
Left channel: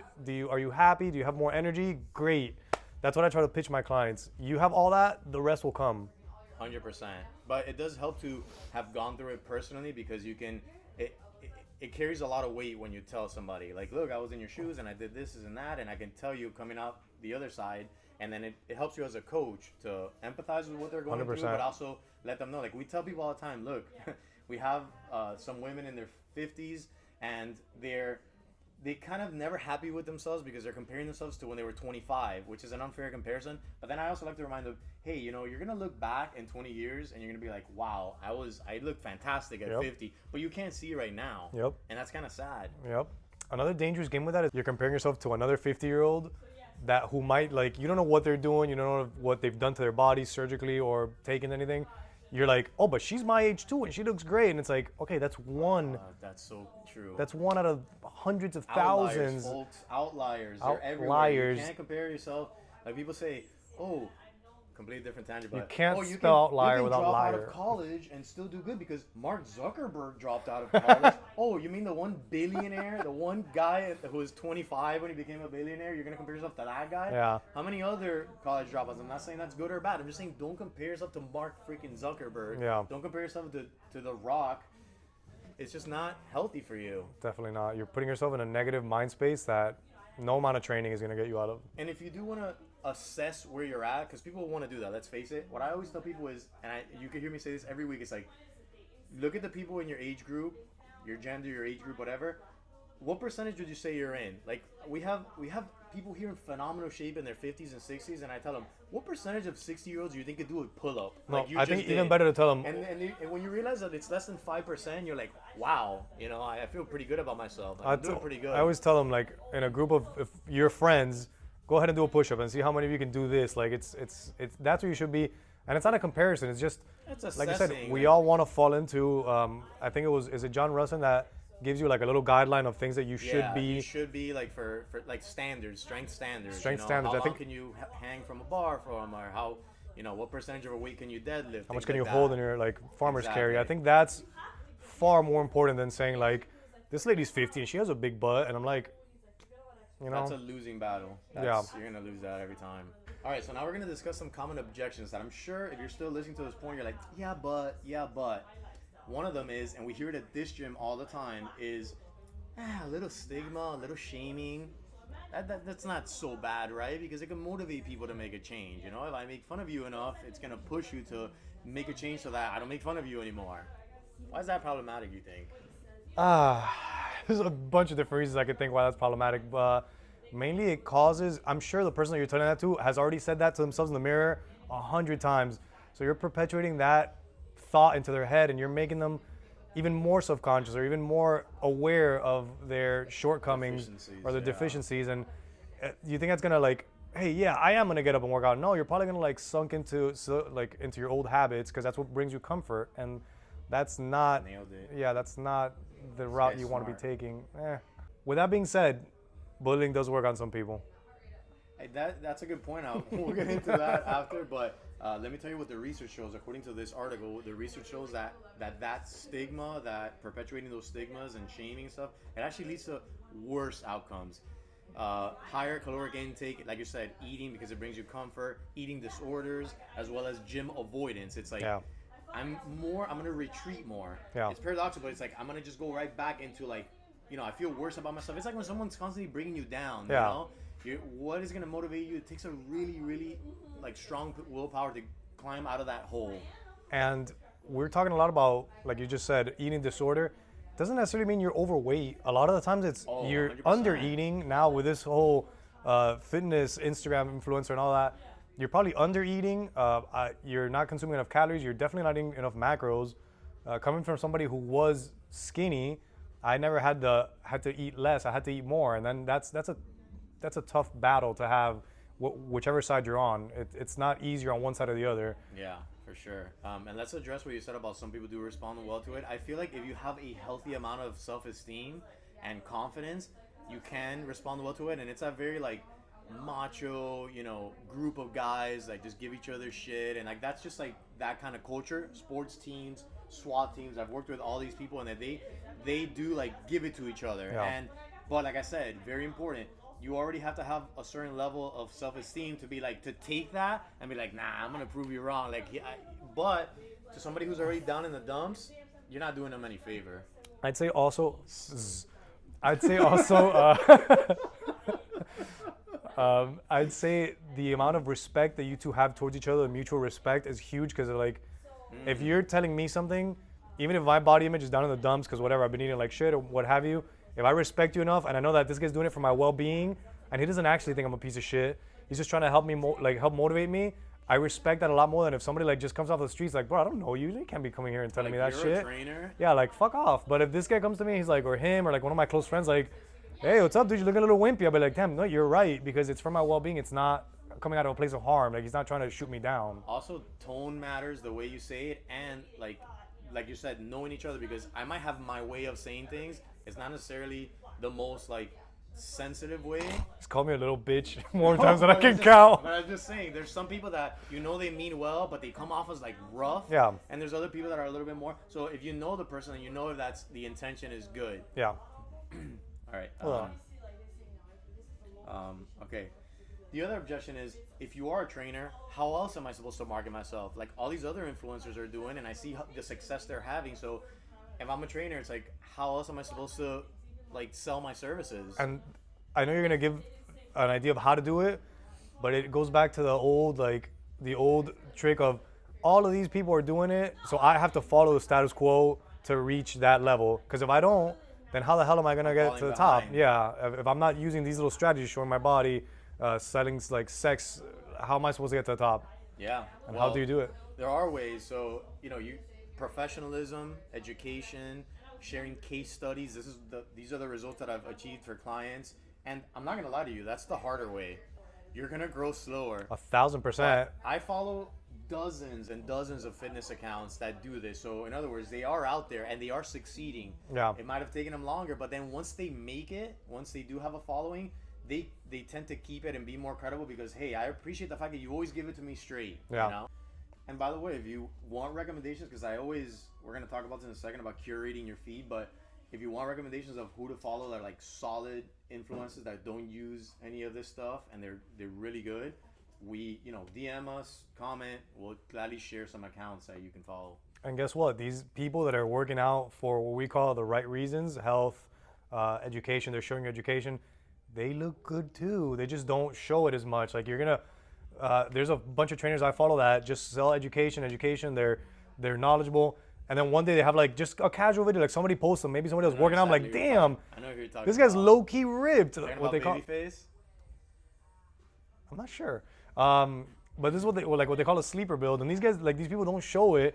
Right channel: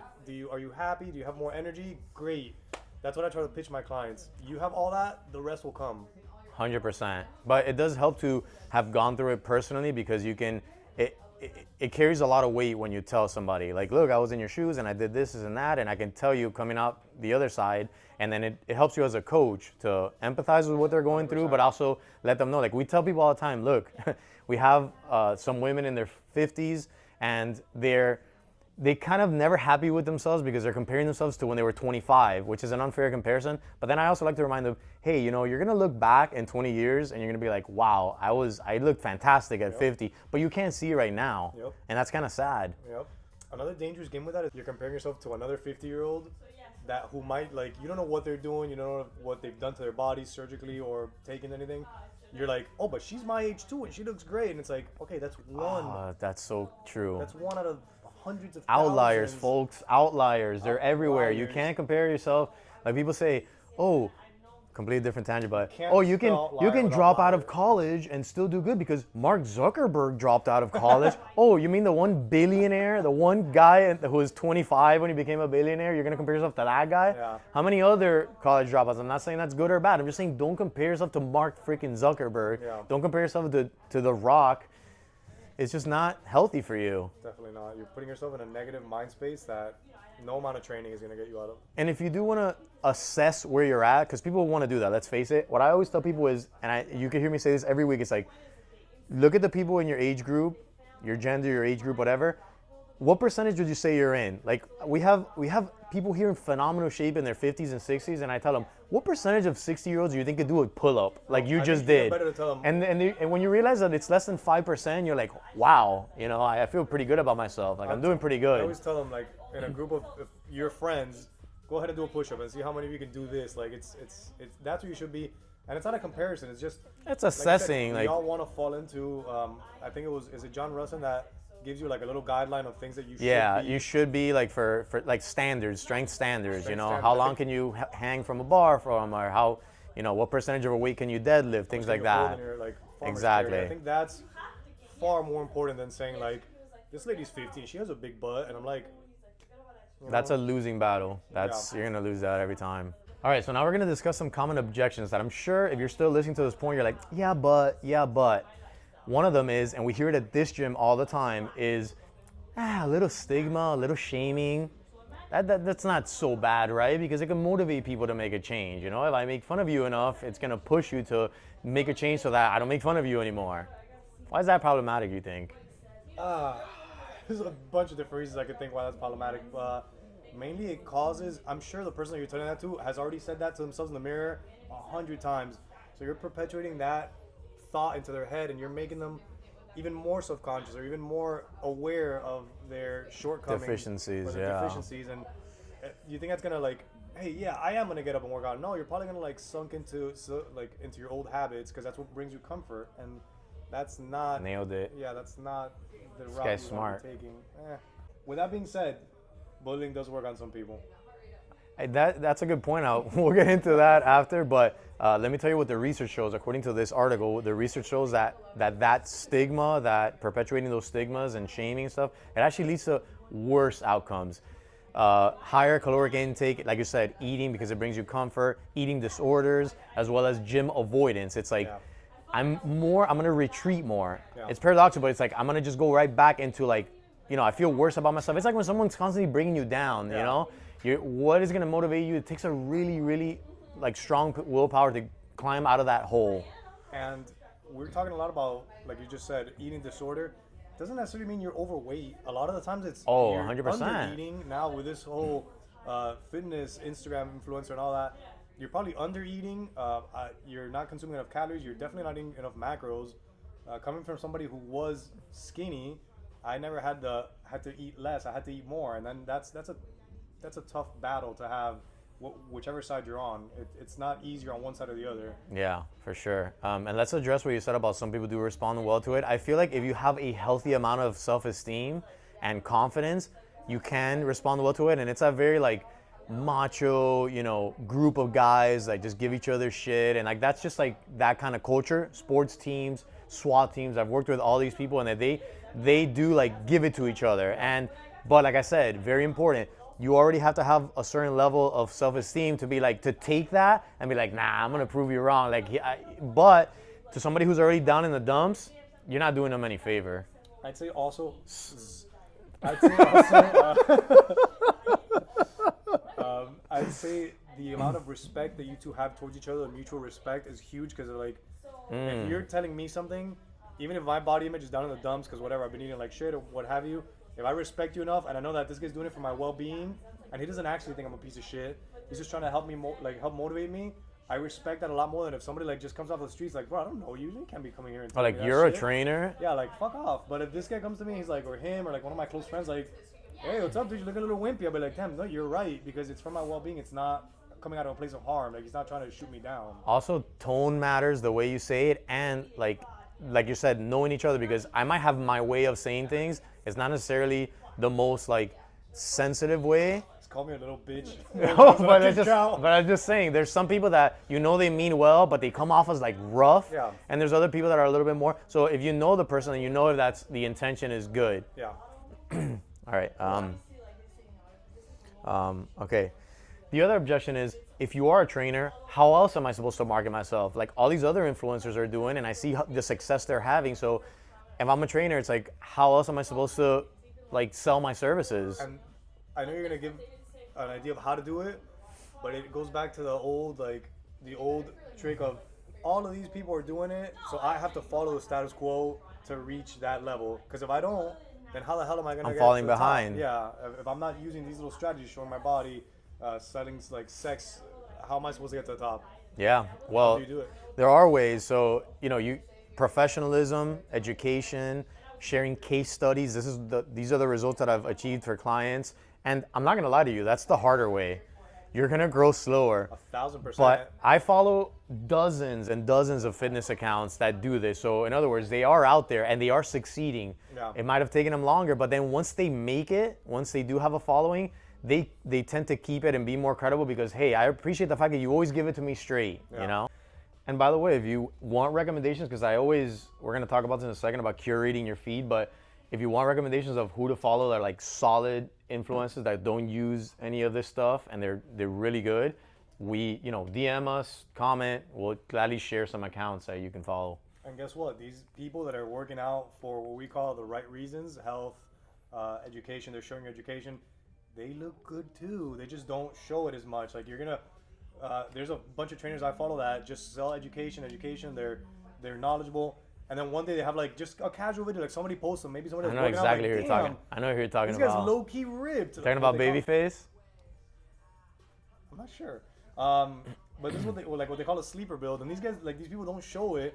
Are you happy? Do you have more energy? Great. That's what I try to pitch my clients. You have all that, the rest will come. 100%. But it does help to have gone through it personally because you can, it carries a lot of weight when you tell somebody, like, look, I was in your shoes and I did this and that, and I can tell you coming out the other side. And then it helps you as a coach to empathize with what they're going through, 100%. but also let them know. Like, we tell people all the time, look, we have some women in their 50s, and they kind of never happy with themselves because they're comparing themselves to when they were 25, which is an unfair comparison. But then I also like to remind them, hey, you know, you're gonna look back in 20 years and you're gonna be like, wow, I looked fantastic at 50, but you can't see it right now. Yep. And that's kind of sad. Yep. Another dangerous game with that is you're comparing yourself to another 50-year-old that who might, like, you don't know what they're doing, you don't know what they've done to their bodies surgically or taken anything. You're like, oh, but she's my age too and she looks great. And it's like, okay, that's one. That's so true. That's one out of hundreds of Outliers, thousands. folks. Outliers. They're everywhere. You Outliers. can't compare yourself. Like, people say, oh, completely different tangent, but can't you can spell liar without drop out liar. of college and still do good because Mark Zuckerberg dropped out of college. Oh, you mean the one billionaire, the one guy who was 25 when he became a billionaire? You're gonna compare yourself to that guy? Yeah. How many other college dropouts? I'm not saying that's good or bad. I'm just saying don't compare yourself to Mark freaking Zuckerberg. Yeah. Don't compare yourself to The Rock. It's just not healthy for you. Definitely not. You're putting yourself in a negative mind space that no amount of training is going to get you out of. And if you do want to assess where you're at, because people want to do that, let's face it. What I always tell people is, and you can hear me say this every week, it's like, look at the people in your age group, your gender, your age group, whatever. What percentage would you say you're in? Like, we have people here in phenomenal shape in their 50s and 60s, and I tell them, what percentage of 60-years do you think could do a pull-up like you I just think did? even better to tell them. And when you realize that it's less than 5%, you're like, wow, you know, I feel pretty good about myself. Like, I'm doing pretty good. I always tell them, like, in a group of if your friends, go ahead and do a push-up and see how many of you can do this. Like, it's that's where you should be. And it's not a comparison. It's just it's like I said, assessing. we all want to fall into. I think is it John Russin that gives you like a little guideline of things that you should be. You should be like for like standards, strength standards. Strength you know, standards, how I long think- can you hang from a bar from, or how, you know, what percentage of a weight can you deadlift, things Can like you that. hold in your like farmer's Exactly. carry? I think that's far more important than saying like, this lady's 50 and she has a big butt, and I'm like, you know, That's a losing battle. You're gonna lose that every time. All right, so now we're gonna discuss some common objections that I'm sure if you're still listening to this point, you're like, yeah, but. One of them is, and we hear it at this gym all the time, is a little stigma, a little shaming. That's not so bad, right? Because it can motivate people to make a change. You know, if I make fun of you enough, it's gonna push you to make a change so that I don't make fun of you anymore. Why is that problematic, you think? There's a bunch of different reasons I could think why that's problematic, but mainly it causes, I'm sure the person that you're telling that to has already said that to themselves in the mirror 100 times. So you're perpetuating that thought into their head and you're making them even more self-conscious or even more aware of their shortcomings Deficiencies, or their yeah. deficiencies. And you think that's gonna like, hey, yeah, I am gonna get up and work out. No, you're probably gonna like sunk into into your old habits because that's what brings you comfort, and that's not Nailed it. Yeah, that's not the route guy's you want to smart. be taking. With that being said, bullying does work on some people. Hey, that's a good point. We'll get into that after, but let me tell you what the research shows. According to this article, the research shows that stigma, that perpetuating those stigmas and shaming stuff, it actually leads to worse outcomes. Higher caloric intake, like you said, eating because it brings you comfort, eating disorders, as well as gym avoidance. It's like, Yeah. I'm gonna retreat more. Yeah. It's paradoxical, but it's like, I'm gonna just go right back into like, you know, I feel worse about myself. It's like when someone's constantly bringing you down, you Yeah. know? What is gonna motivate you? It takes a really, really like strong willpower to climb out of that hole. And we're talking a lot about, like you just said, eating disorder. Doesn't necessarily mean you're overweight. A lot of the times it's you're 100%. under eating. Now with this whole fitness Instagram influencer and all that, you're probably under eating. You're not consuming enough calories. You're definitely not eating enough macros. Coming from somebody who was skinny, I never had to eat less. I had to eat more, and then that's a tough battle to have, whichever side you're on. It's not easier on one side or the other. Yeah, for sure. And let's address what you said about some people do respond well to it. I feel like if you have a healthy amount of self-esteem and confidence, you can respond well to it. And it's a very like macho, you know, group of guys that just give each other shit. And like, that's just like that kind of culture. Sports teams, SWAT teams, I've worked with all these people and they do like give it to each other. Yeah. But like I said, very important. You already have to have a certain level of self-esteem to be like, to take that and be like, nah, I'm gonna prove you wrong. Like, but to somebody who's already down in the dumps, you're not doing them any favor. I'd say also. I'd say also. I'd say the amount of respect that you two have towards each other, mutual respect, is huge because like, if you're telling me something, even if my body image is down in the dumps because whatever, I've been eating like shit or what have you, if I respect you enough and I know that this guy's doing it for my well-being and he doesn't actually think I'm a piece of shit, he's just trying to help me, help motivate me, I respect that a lot more than if somebody like just comes off the streets like, bro, I don't know you can't be coming here and telling But me like that you're shit. a trainer. Yeah, like fuck off. But if this guy comes to me, he's like, or him, or like one of my close friends, like, hey, what's up, dude? You look a little wimpy. I'll be like, damn, no, you're right, because it's for my well-being. It's not coming out of a place of harm. Like, he's not trying to shoot me down. Also, tone matters, the way you say it, and like you said, knowing each other, because I might have my way of saying things. It's not necessarily the most like sensitive way. Just call me a little bitch more times than I can count. But I'm just saying, there's some people that you know they mean well, but they come off as like rough. Yeah. And there's other people that are a little bit more. So if you know the person and you know if that's the intention is good. Yeah. All right. Okay. The other objection is, if you are a trainer, how else am I supposed to market myself? Like all these other influencers are doing, and I see the success they're having. So if I'm a trainer, it's like, how else am I supposed to like sell my services? And I know you're gonna give an idea of how to do it, but it goes back to the old trick of all of these people are doing it, so I have to follow the status quo to reach that level. Because if I don't, then how the hell am I gonna get to the behind. top? Yeah, if I'm not using these little strategies, showing my body, selling like sex, how am I supposed to get to the top? Yeah. And Well, how do you do it? there are ways. So professionalism, education, sharing case studies. These are the results that I've achieved for clients. And I'm not gonna lie to you, that's the harder way. You're gonna grow slower. 1,000%. But I follow dozens and dozens of fitness accounts that do this. So in other words, they are out there and they are succeeding. Yeah. It might have taken them longer, but then once they make it, once they do have a following, they tend to keep it and be more credible because, hey, I appreciate the fact that you always give it to me straight, Yeah. you know? And by the way, if you want recommendations, because we're gonna talk about this in a second about curating your feed, but if you want recommendations of who to follow that are like solid influencers that don't use any of this stuff and they're really good, DM us, comment, we'll gladly share some accounts that you can follow. And guess what? These people that are working out for what we call the right reasons, health, education, they're showing education, they look good too. They just don't show it as much. Like there's a bunch of trainers I follow that just sell education. They're knowledgeable. And then one day they have like just a casual video, like somebody posts them. Maybe somebody was working out. I'm like, damn, I know who you're talking this about. guy's low key ripped. Talking about Babyface? I'm not sure. But this is what they call a sleeper build. And these guys, like these people don't show it,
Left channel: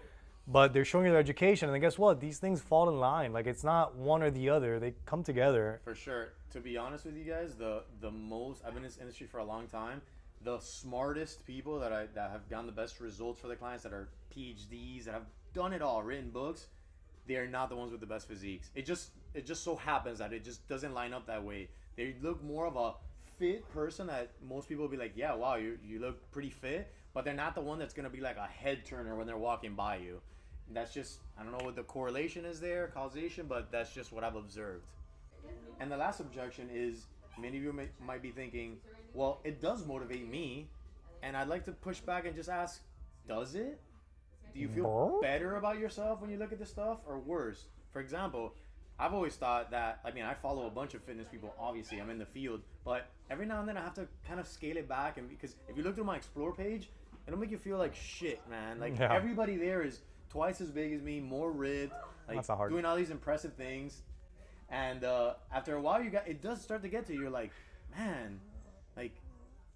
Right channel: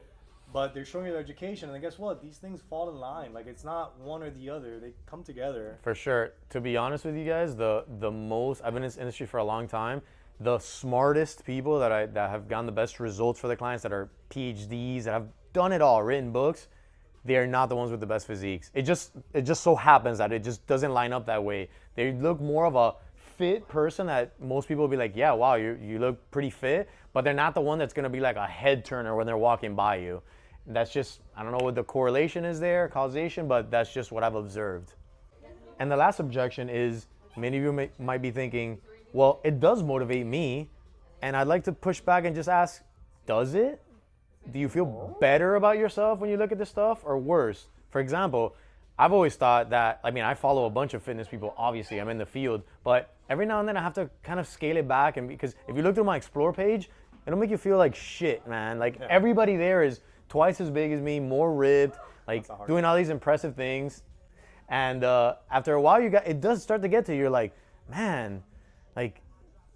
but they're showing you their education. And then guess what? These things fall in line. Like it's not one or the other. They come together. For sure. To be honest with you guys, the most, I've been in this industry for a long time. The smartest people that have gotten the best results for the clients, that are PhDs, that have done it all, written books, they are not the ones with the best physiques. It just so happens that it just doesn't line up that way. They look more of a fit person that most people will be like, yeah, wow, you look pretty fit, but they're not the one that's gonna be like a head turner when they're walking by you. That's just, I don't know what the correlation is there, causation, but that's just what I've observed. And the last objection is, many of you might be thinking, well, it does motivate me, and I'd like to push back and just ask, does it? Do you feel better about yourself when you look at this stuff, or worse? For example, I've always thought that, I follow a bunch of fitness people, obviously, I'm in the field, but every now and then I have to kind of scale it back, and because if you look through my Explore page, it'll make you feel like shit, man. Like everybody there is twice as big as me, more ripped, like doing all these impressive things. And after a while, it does start to get to you, you're like, man, like,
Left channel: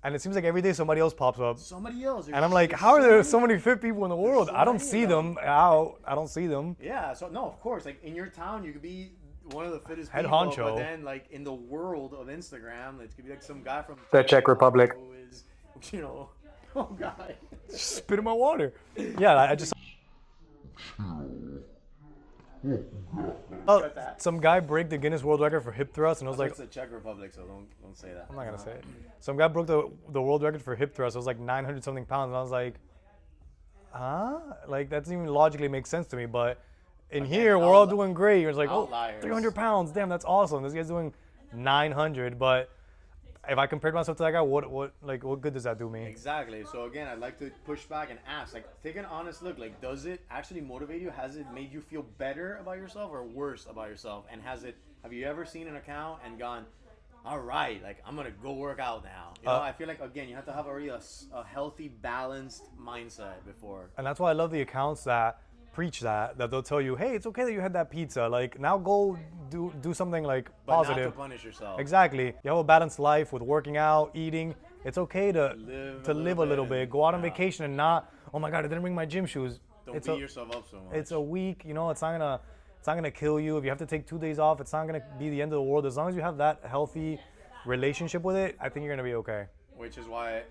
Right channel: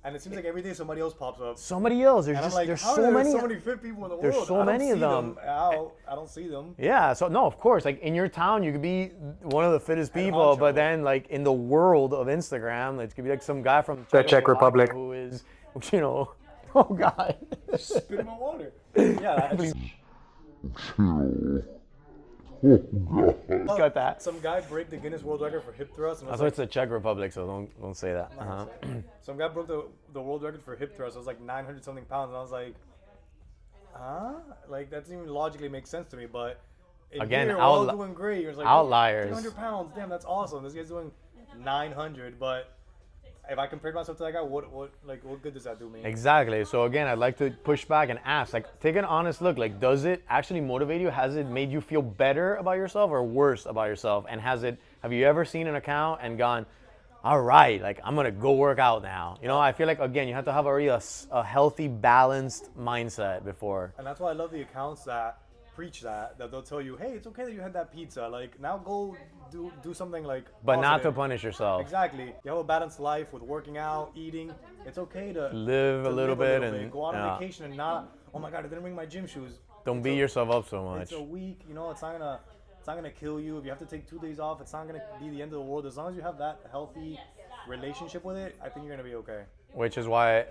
and it seems like every day somebody else pops up. Somebody else. And I'm like, how are there so many fit people in the world? So I don't see them out. I don't see them. Yeah, so no, of course. Like in your town, you could be one of the fittest people, but then like in the world of Instagram, it could be like some guy from the Czech Republic who is, oh God. Spit in my water. Yeah, I just... Got that. Some guy broke the Guinness World Record for hip thrust, and I was like, it's the Czech Republic, so don't say that. I'm not gonna say it. Some guy broke the world record for hip thrust. It was like 900 something pounds, and I was like, huh? Like that doesn't even logically make sense to me. But here we're all doing great. You're like, outliers. 300 pounds. Damn, that's awesome. This guy's doing 900, but if I compared myself to that guy, what good does that do me? Exactly. So again, I'd like to push back and ask, like, take an honest look. Like, does it actually motivate you? Has it made you feel better about yourself or worse about yourself? And have you ever seen an account and gone, all right, like, I'm gonna go work out now? You know, I feel like, again, you have to have already a healthy, balanced mindset before. And that's why I love the accounts that preach that they'll tell you, hey, it's okay that you had that pizza. Like, now go do something like But positive. not to punish yourself. Exactly. You have a balanced life with working out, eating. It's okay to Live a little bit. Go out on vacation and not, oh my God, I didn't bring my gym shoes. Don't beat yourself up so much. It's a week, you know, it's not gonna kill you. If you have to take 2 days off, it's not gonna be the end of the world. As long as you have that healthy relationship with it, I think you're gonna be okay. Which is why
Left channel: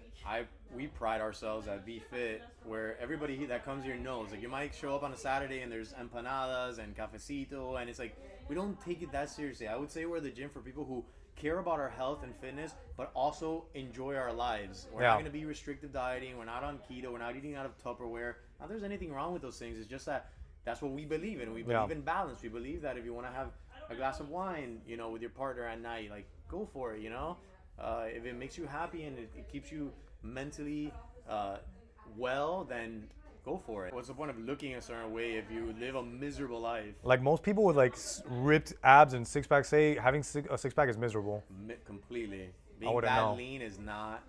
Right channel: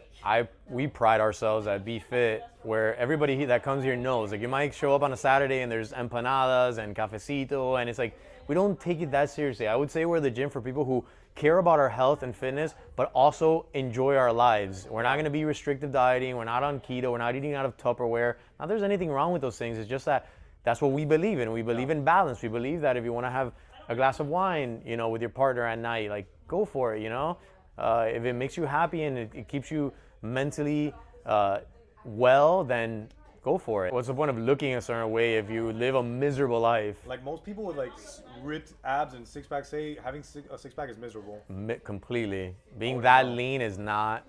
we pride ourselves at Be Fit, where everybody that comes here knows. Like, you might show up on a Saturday and there's empanadas and cafecito, and it's like, we don't take it that seriously. I would say we're the gym for people who care about our health and fitness, but also enjoy our lives. We're not gonna be restrictive dieting. We're not on keto. We're not eating out of Tupperware. Not there's anything wrong with those things. It's just that that's what we believe in. We believe in balance. We believe that if you want to have a glass of wine, you know, with your partner at night, like, go for it, you know? If it makes you happy and it keeps you mentally well, then go for it. What's the point of looking a certain way if you live a miserable life? Like, most people with like ripped abs and six packs say having a six pack is miserable. Completely. Being that lean is not.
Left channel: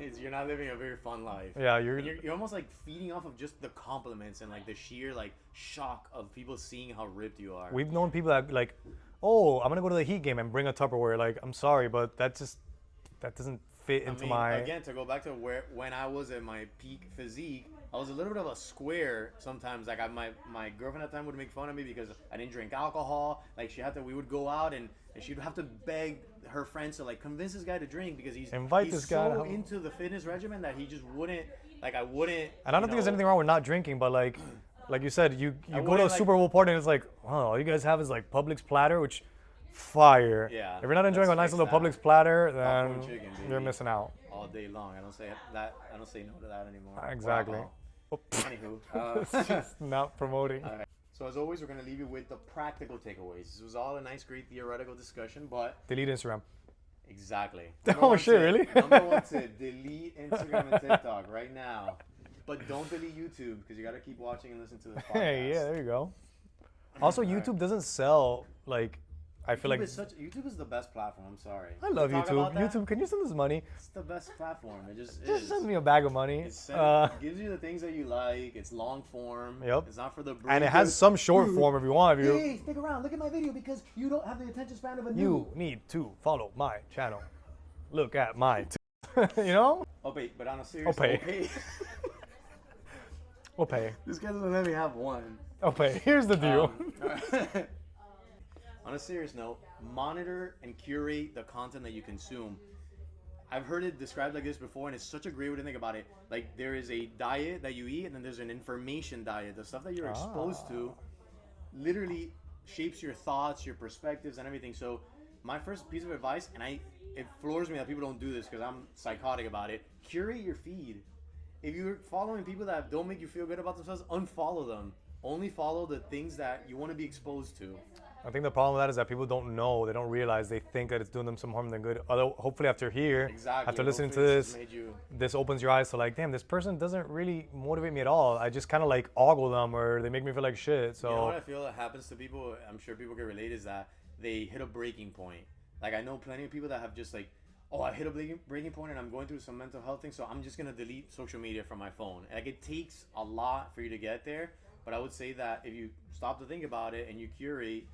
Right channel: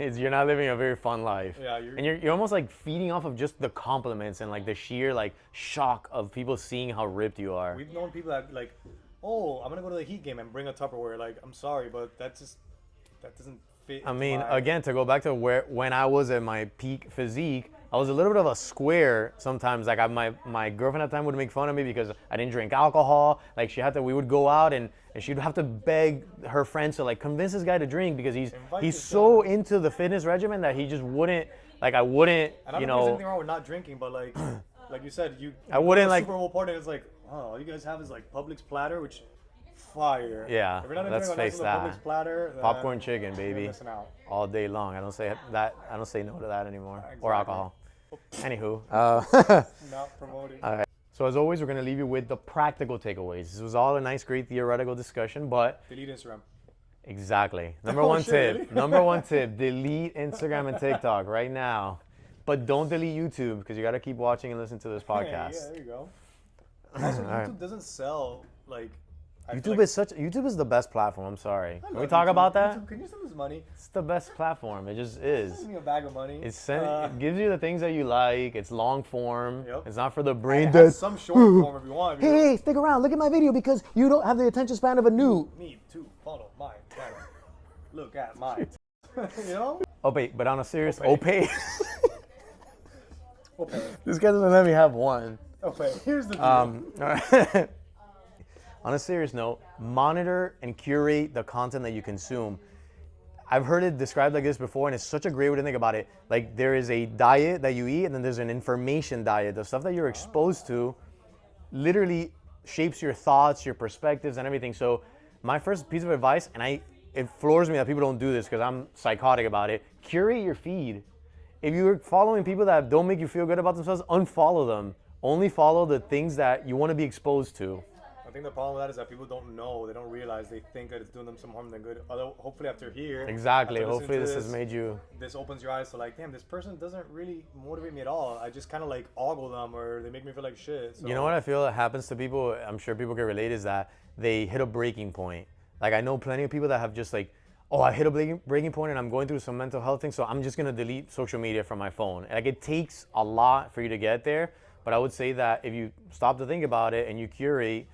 You're not living a very fun life. Yeah, you're almost like feeding off of just the compliments and like the sheer like shock of people seeing how ripped you are. We've known people that like, oh, I'm gonna go to the Heat game and bring a Tupperware. Like, I'm sorry, but that doesn't fit into again, to go back to when I was at my peak physique, I was a little bit of a square sometimes. Like, my girlfriend at the time would make fun of me because I didn't drink alcohol. Like, we would go out and she'd have to beg her friends to like convince this guy to drink because he's so into the fitness regimen that he just wouldn't. Like, I wouldn't. And I don't think there's anything wrong with not drinking, but like you said, I wouldn't go to a like Super Bowl party and it's like, oh, all you guys have is like Publix platter, which fire. Yeah. If you're not enjoying a nice little Publix platter, then popcorn chicken, baby, you're missing out all day long. I don't say no to that anymore. Exactly. Or alcohol. Anywho, not promoting. All right. So as always, we're going to leave you with the practical takeaways. This was all a nice, great theoretical discussion, but delete Instagram. Exactly. Number one tip: delete Instagram and TikTok right now. But don't delete YouTube because you got to keep watching and listening to this podcast. Hey, yeah, there you go. Also, YouTube doesn't sell like. YouTube is the best platform. I'm sorry. I love we talk YouTube. about that. YouTube, can you send us money? It's the best platform. It just is. Send me a bag of money. It gives you the things that you like. It's long form. Yep. It's not for the brain. And it has some short form if you want. Hey, stick around. Look at my video because you don't have the attention span of a noob. You need to follow my channel. Look at my. You know? But on a serious. Okay. This guy doesn't let me have one. Okay. Here's the deal. On a serious note, monitor and curate the content that you consume. I've heard it described like this before, and it's such a great way to think about it. Like, there is a diet that you eat, and then there's an information diet. The stuff that you're exposed to literally shapes your thoughts, your perspectives, and everything. So my first piece of advice, and it floors me that people don't do this because I'm psychotic about it, curate your feed. If you're following people that don't make you feel good about themselves, unfollow them. Only follow the things that you want to be exposed to. I think the problem with that is that people don't know, they don't realize, they think that it's doing them some harm than good. Although, hopefully after here, exactly, after listening to this has made you... This opens your eyes to like, damn, this person doesn't really motivate me at all. I just kind of like ogle them or they make me feel like shit. So. You know what I feel that happens to people, I'm sure people can relate, is that they hit a breaking point. Like, I know plenty of people that have just like, oh, I hit a breaking point and I'm going through some mental health thing, so I'm just going to delete social media from my phone. Like, it takes a lot for you to get there, but I would say that if you stop to think about it and you curate,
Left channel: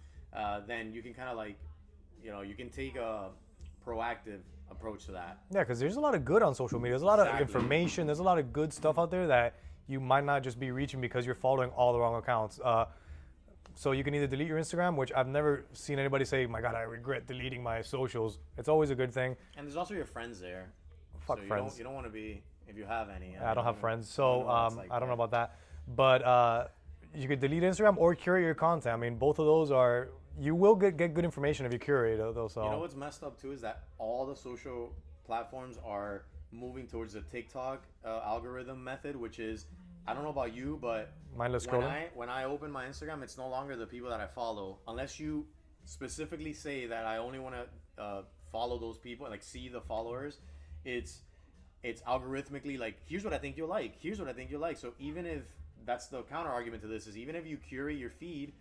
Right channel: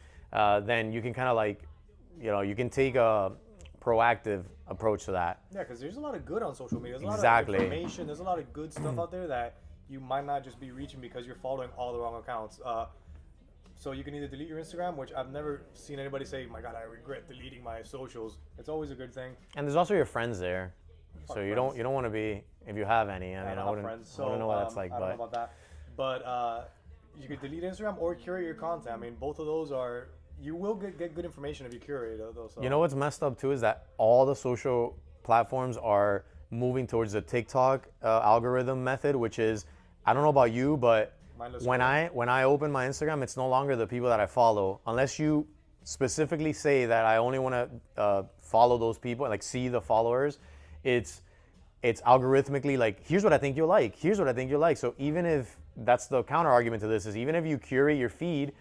then you can kind of like, you can take a proactive approach to that. Yeah, because there's a lot of good on social media. There's a lot of information. There's a lot of good stuff out there that you might not just be reaching because you're following all the wrong accounts. So you can either delete your Instagram, which I've never seen anybody say, my God, I regret deleting my socials. It's always a good thing. And there's also your friends there. Fuck so friends. You don't want to be, if you have any. I don't have friends, so I don't know about that. But you could delete Instagram or curate your content. I mean, both of those are, you will get good information if you curate though. So. You know what's messed up too is that all the social platforms are moving towards the TikTok algorithm method, which is, I don't know about you, but when I open my Instagram, it's no longer the people that I follow, unless you specifically say that I only want to follow those people, like see the followers, it's algorithmically like, here's what I think you'll like, here's what I think you'll like. So even if that's the counter argument to this is, even if you curate your feed,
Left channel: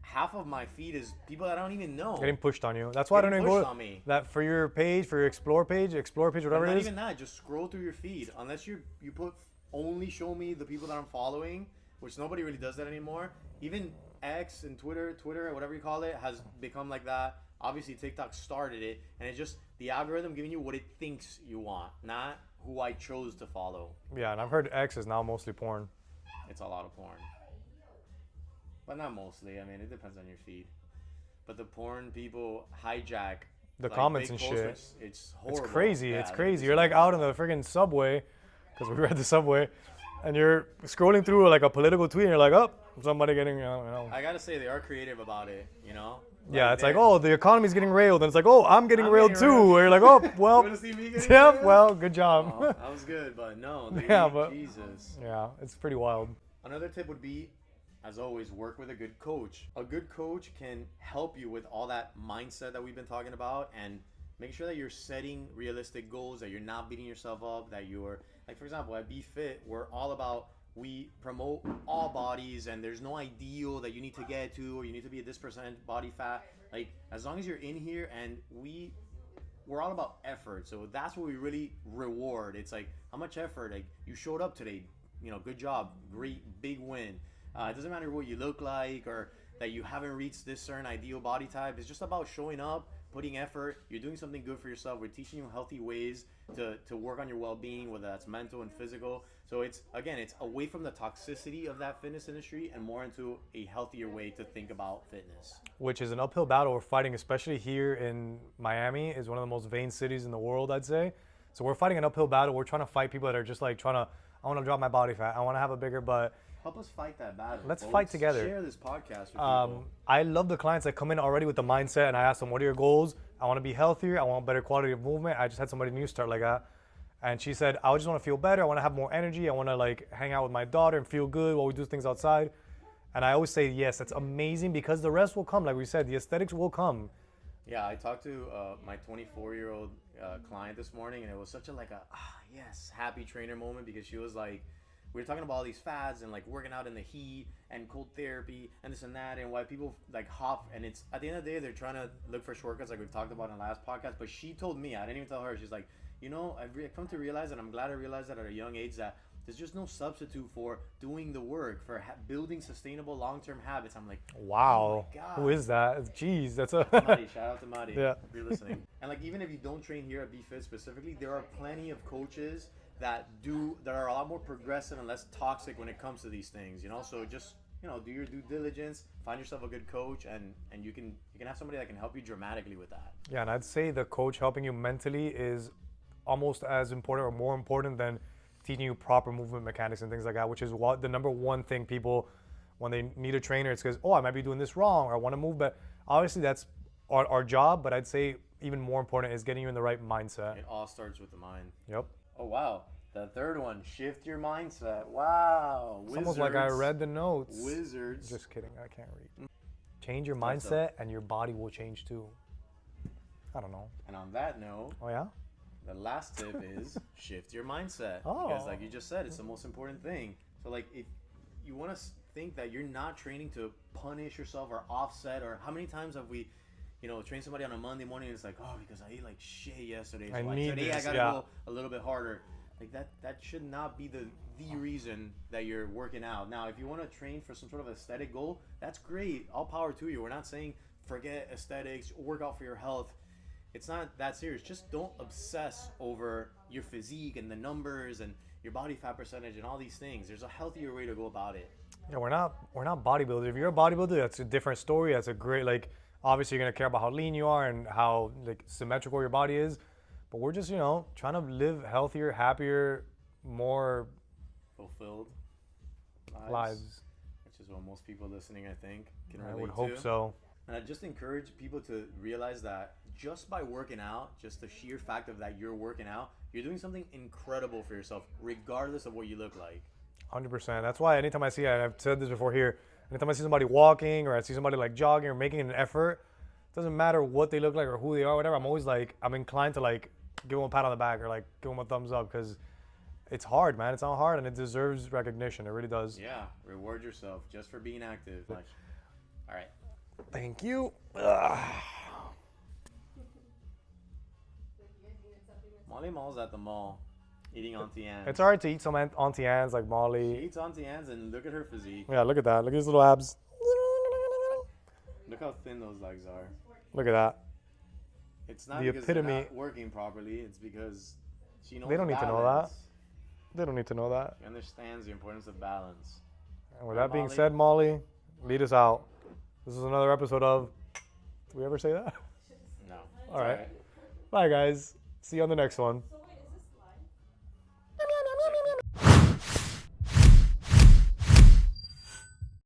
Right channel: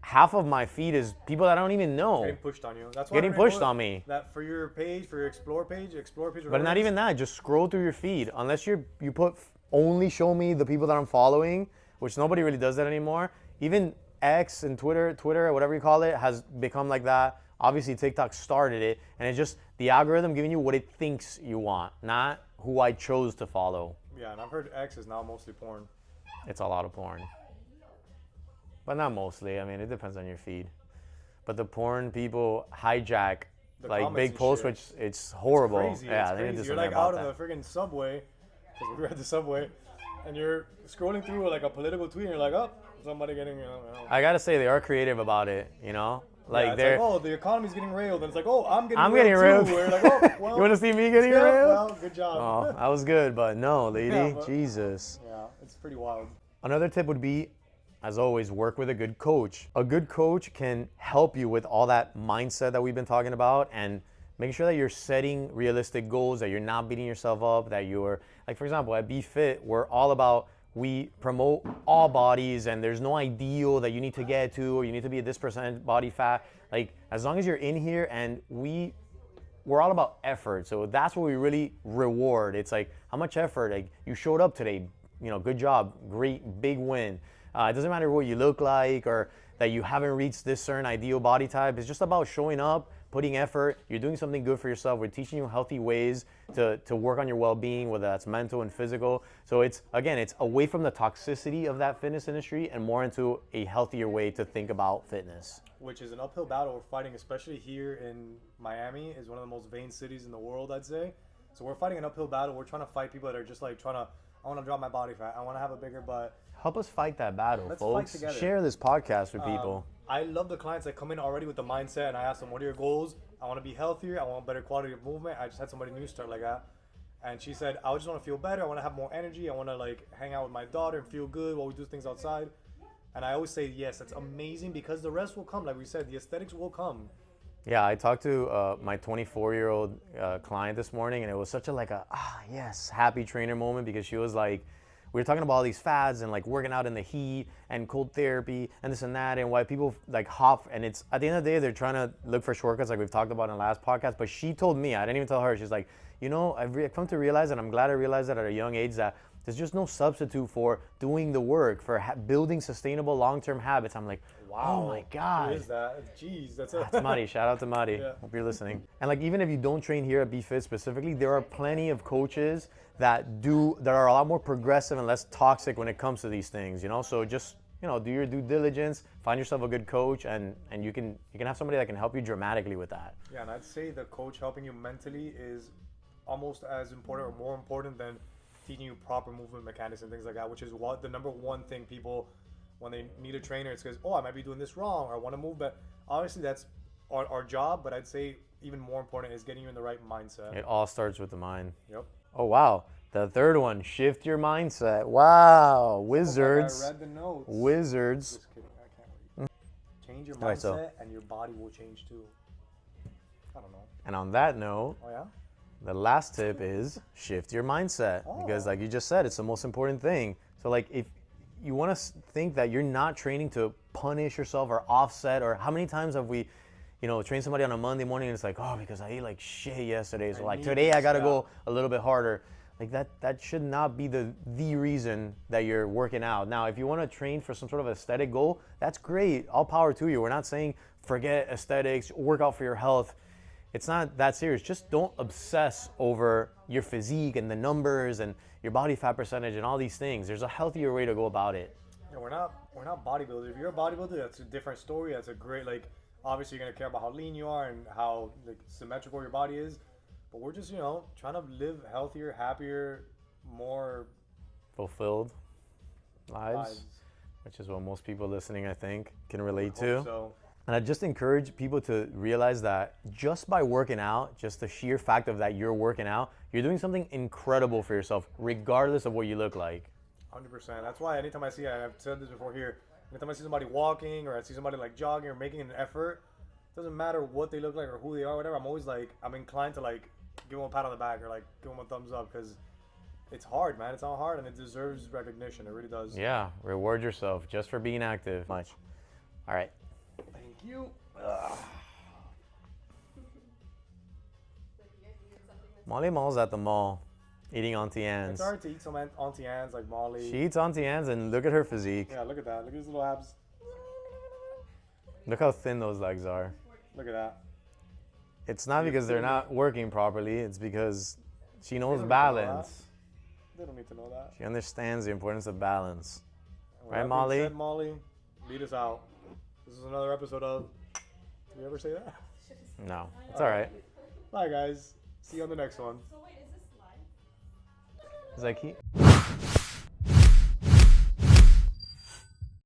half of my feed is people that I don't even know. Getting pushed on you. That's why Getting pushed on me. That for your page, for your explore page, whatever. But not even that. Just scroll through your feed. Unless you put only show me the people that I'm following, which nobody really does that anymore. Even X and Twitter, or whatever you call it, has become like that. Obviously, TikTok started it, and it's just the algorithm giving you what it thinks you want, not who I chose to follow. Yeah, and I've heard X is now mostly porn. It's a lot of porn. But not mostly. I mean, it depends on your feed. But the porn people hijack The like comments big and posts, shit. which it's horrible. It's crazy. Yeah, It's they need to crazy. do You're like something out about on the freaking subway, because we were at the subway, and you're scrolling through like a political tweet, and you're like, oh, somebody getting, that. I gotta say, they are creative about it, you know? yeah, it's like, oh, the economy's getting railed, and it's like, oh, I'm getting railed getting too. railed. Where you're like, oh, well, You wanna see me getting yeah, railed? well, good job. Oh, that was good, but no, lady, Yeah, but- Jesus. Yeah, it's pretty wild. Another tip would be, as always, work with a good coach. A good coach can help you with all that mindset that we've been talking about, and making sure that you're setting realistic goals, that you're not beating yourself up, that you're, like for example, at Be Fit, we're all about, we promote all bodies, and there's no ideal that you need to get to, or you need to be at this percent body fat. Like, as long as you're in here, and we're all about effort. So that's what we really reward. It's like, how much effort, like you showed up today, you know, good job, great, big win. It doesn't matter what you look like or that you haven't reached this certain ideal body type. It's just about showing up, putting effort. You're doing something good for yourself. We're teaching you healthy ways to work on your well-being, whether that's mental and physical. So it's, again, it's away from the toxicity of that fitness industry and more into a healthier way to think about fitness. Which is an uphill battle we're fighting, especially here in Miami. Is one of the most vain cities in the world, I'd say. So we're fighting an uphill battle. We're trying to fight people that are just like trying to, I want to drop my body fat, I want to have a bigger butt. Help us fight that battle. Let's folks. fight together. Share this podcast with people. I love the clients that come in already with the mindset, and I ask them, what are your goals? I want to be healthier. I want better quality of movement. I just had somebody new start like that. And she said, I just want to feel better. I want to have more energy. I want to like hang out with my daughter and feel good while we do things outside. And I always say, yes, that's amazing, because the rest will come. Like we said, the aesthetics will come. Yeah, I talked to my 24-year-old client this morning, and it was such a yes, happy trainer moment, because she was like, we were talking about all these fads and like working out in the heat and cold therapy and this and that, and why people like hop, and it's at the end of the day, they're trying to look for shortcuts like we've talked about in the last podcast. But she told me, I didn't even tell her, she's like, you know, I've come to realize, and I'm glad I realized that at a young age, that there's just no substitute for doing the work, for building sustainable long-term habits. I'm like, wow, oh my God. Who is that? Jeez, that's a... That's Mari. Shout out to Mari. Yeah. Hope you're listening. And like, even if you don't train here at Be Fit specifically, there are plenty of coaches that are a lot more progressive and less toxic when it comes to these things, you know? So just, you know, do your due diligence, find yourself a good coach, and you can have somebody that can help you dramatically with that. Yeah, and I'd say the coach helping you mentally is almost as important or more important than teaching you proper movement mechanics and things like that, which is what the number one thing people, when they meet a trainer, it's because, oh, I might be doing this wrong, or I want to move, but obviously that's our job, but I'd say even more important is getting you in the right mindset. It all starts with the mind. Yep. Oh, wow. The third one, shift your mindset. Wow. It's Wizards. like I read the notes. Wizards. Just kidding, I can't read. Change your Alright, mindset so- and your body will change too. I don't know. And on that note, Oh yeah? the last tip is shift your mindset, because Oh. like you just said, it's the most important thing. So like, if you want to think that you're not training to punish yourself or offset, or how many times have we, you know, trained somebody on a Monday morning and it's like, oh, because I ate like shit yesterday, so I like need today I this, gotta yeah. go a little bit harder. Like that should not be the reason that you're working out. Now, if you want to train for some sort of aesthetic goal, that's great. All power to you. We're not saying forget aesthetics, work out for your health. It's not that serious. Just don't obsess over your physique and the numbers and your body fat percentage and all these things. There's a healthier way to go about it. Yeah, we're not bodybuilders. If you're a bodybuilder, that's a different story. That's a great, like, obviously you're gonna care about how lean you are and how like symmetrical your body is. But we're just, you know, trying to live healthier, happier, more Fulfilled lives, lives. which is what most people listening, I think, can I would relate hope to. So And I just encourage people to realize that just by working out, just the sheer fact of that you're working out, you're doing something incredible for yourself, regardless of what you look like. 100%. That's why anytime I see, I've said this before here, anytime I see somebody walking or I see somebody like jogging or making an effort, doesn't matter what they look like or who they are, whatever. I'm always like, I'm inclined to like give them a pat on the back or like give them a thumbs up because it's hard, man. It's not hard and it deserves recognition. It really does. Yeah, reward yourself just for being active. Much. All right. Thank you. Ugh. Molly Mall's at the mall eating Auntie Anne's. It's hard to eat some Auntie Anne's like Molly. She eats Auntie Anne's and look at her physique. Yeah, look at that. Look at his little abs. Look how thin those legs are. Look at that. It's not The because they're epitome. not working properly. It's because she knows don't need to know balance. They don't need to know that. She understands the importance of balance. And with Right, that being Molly? said, Molly, lead us out. This is another episode of. Did we ever say that? No, it's All all right. right. Bye, guys. See you on the next one. It's like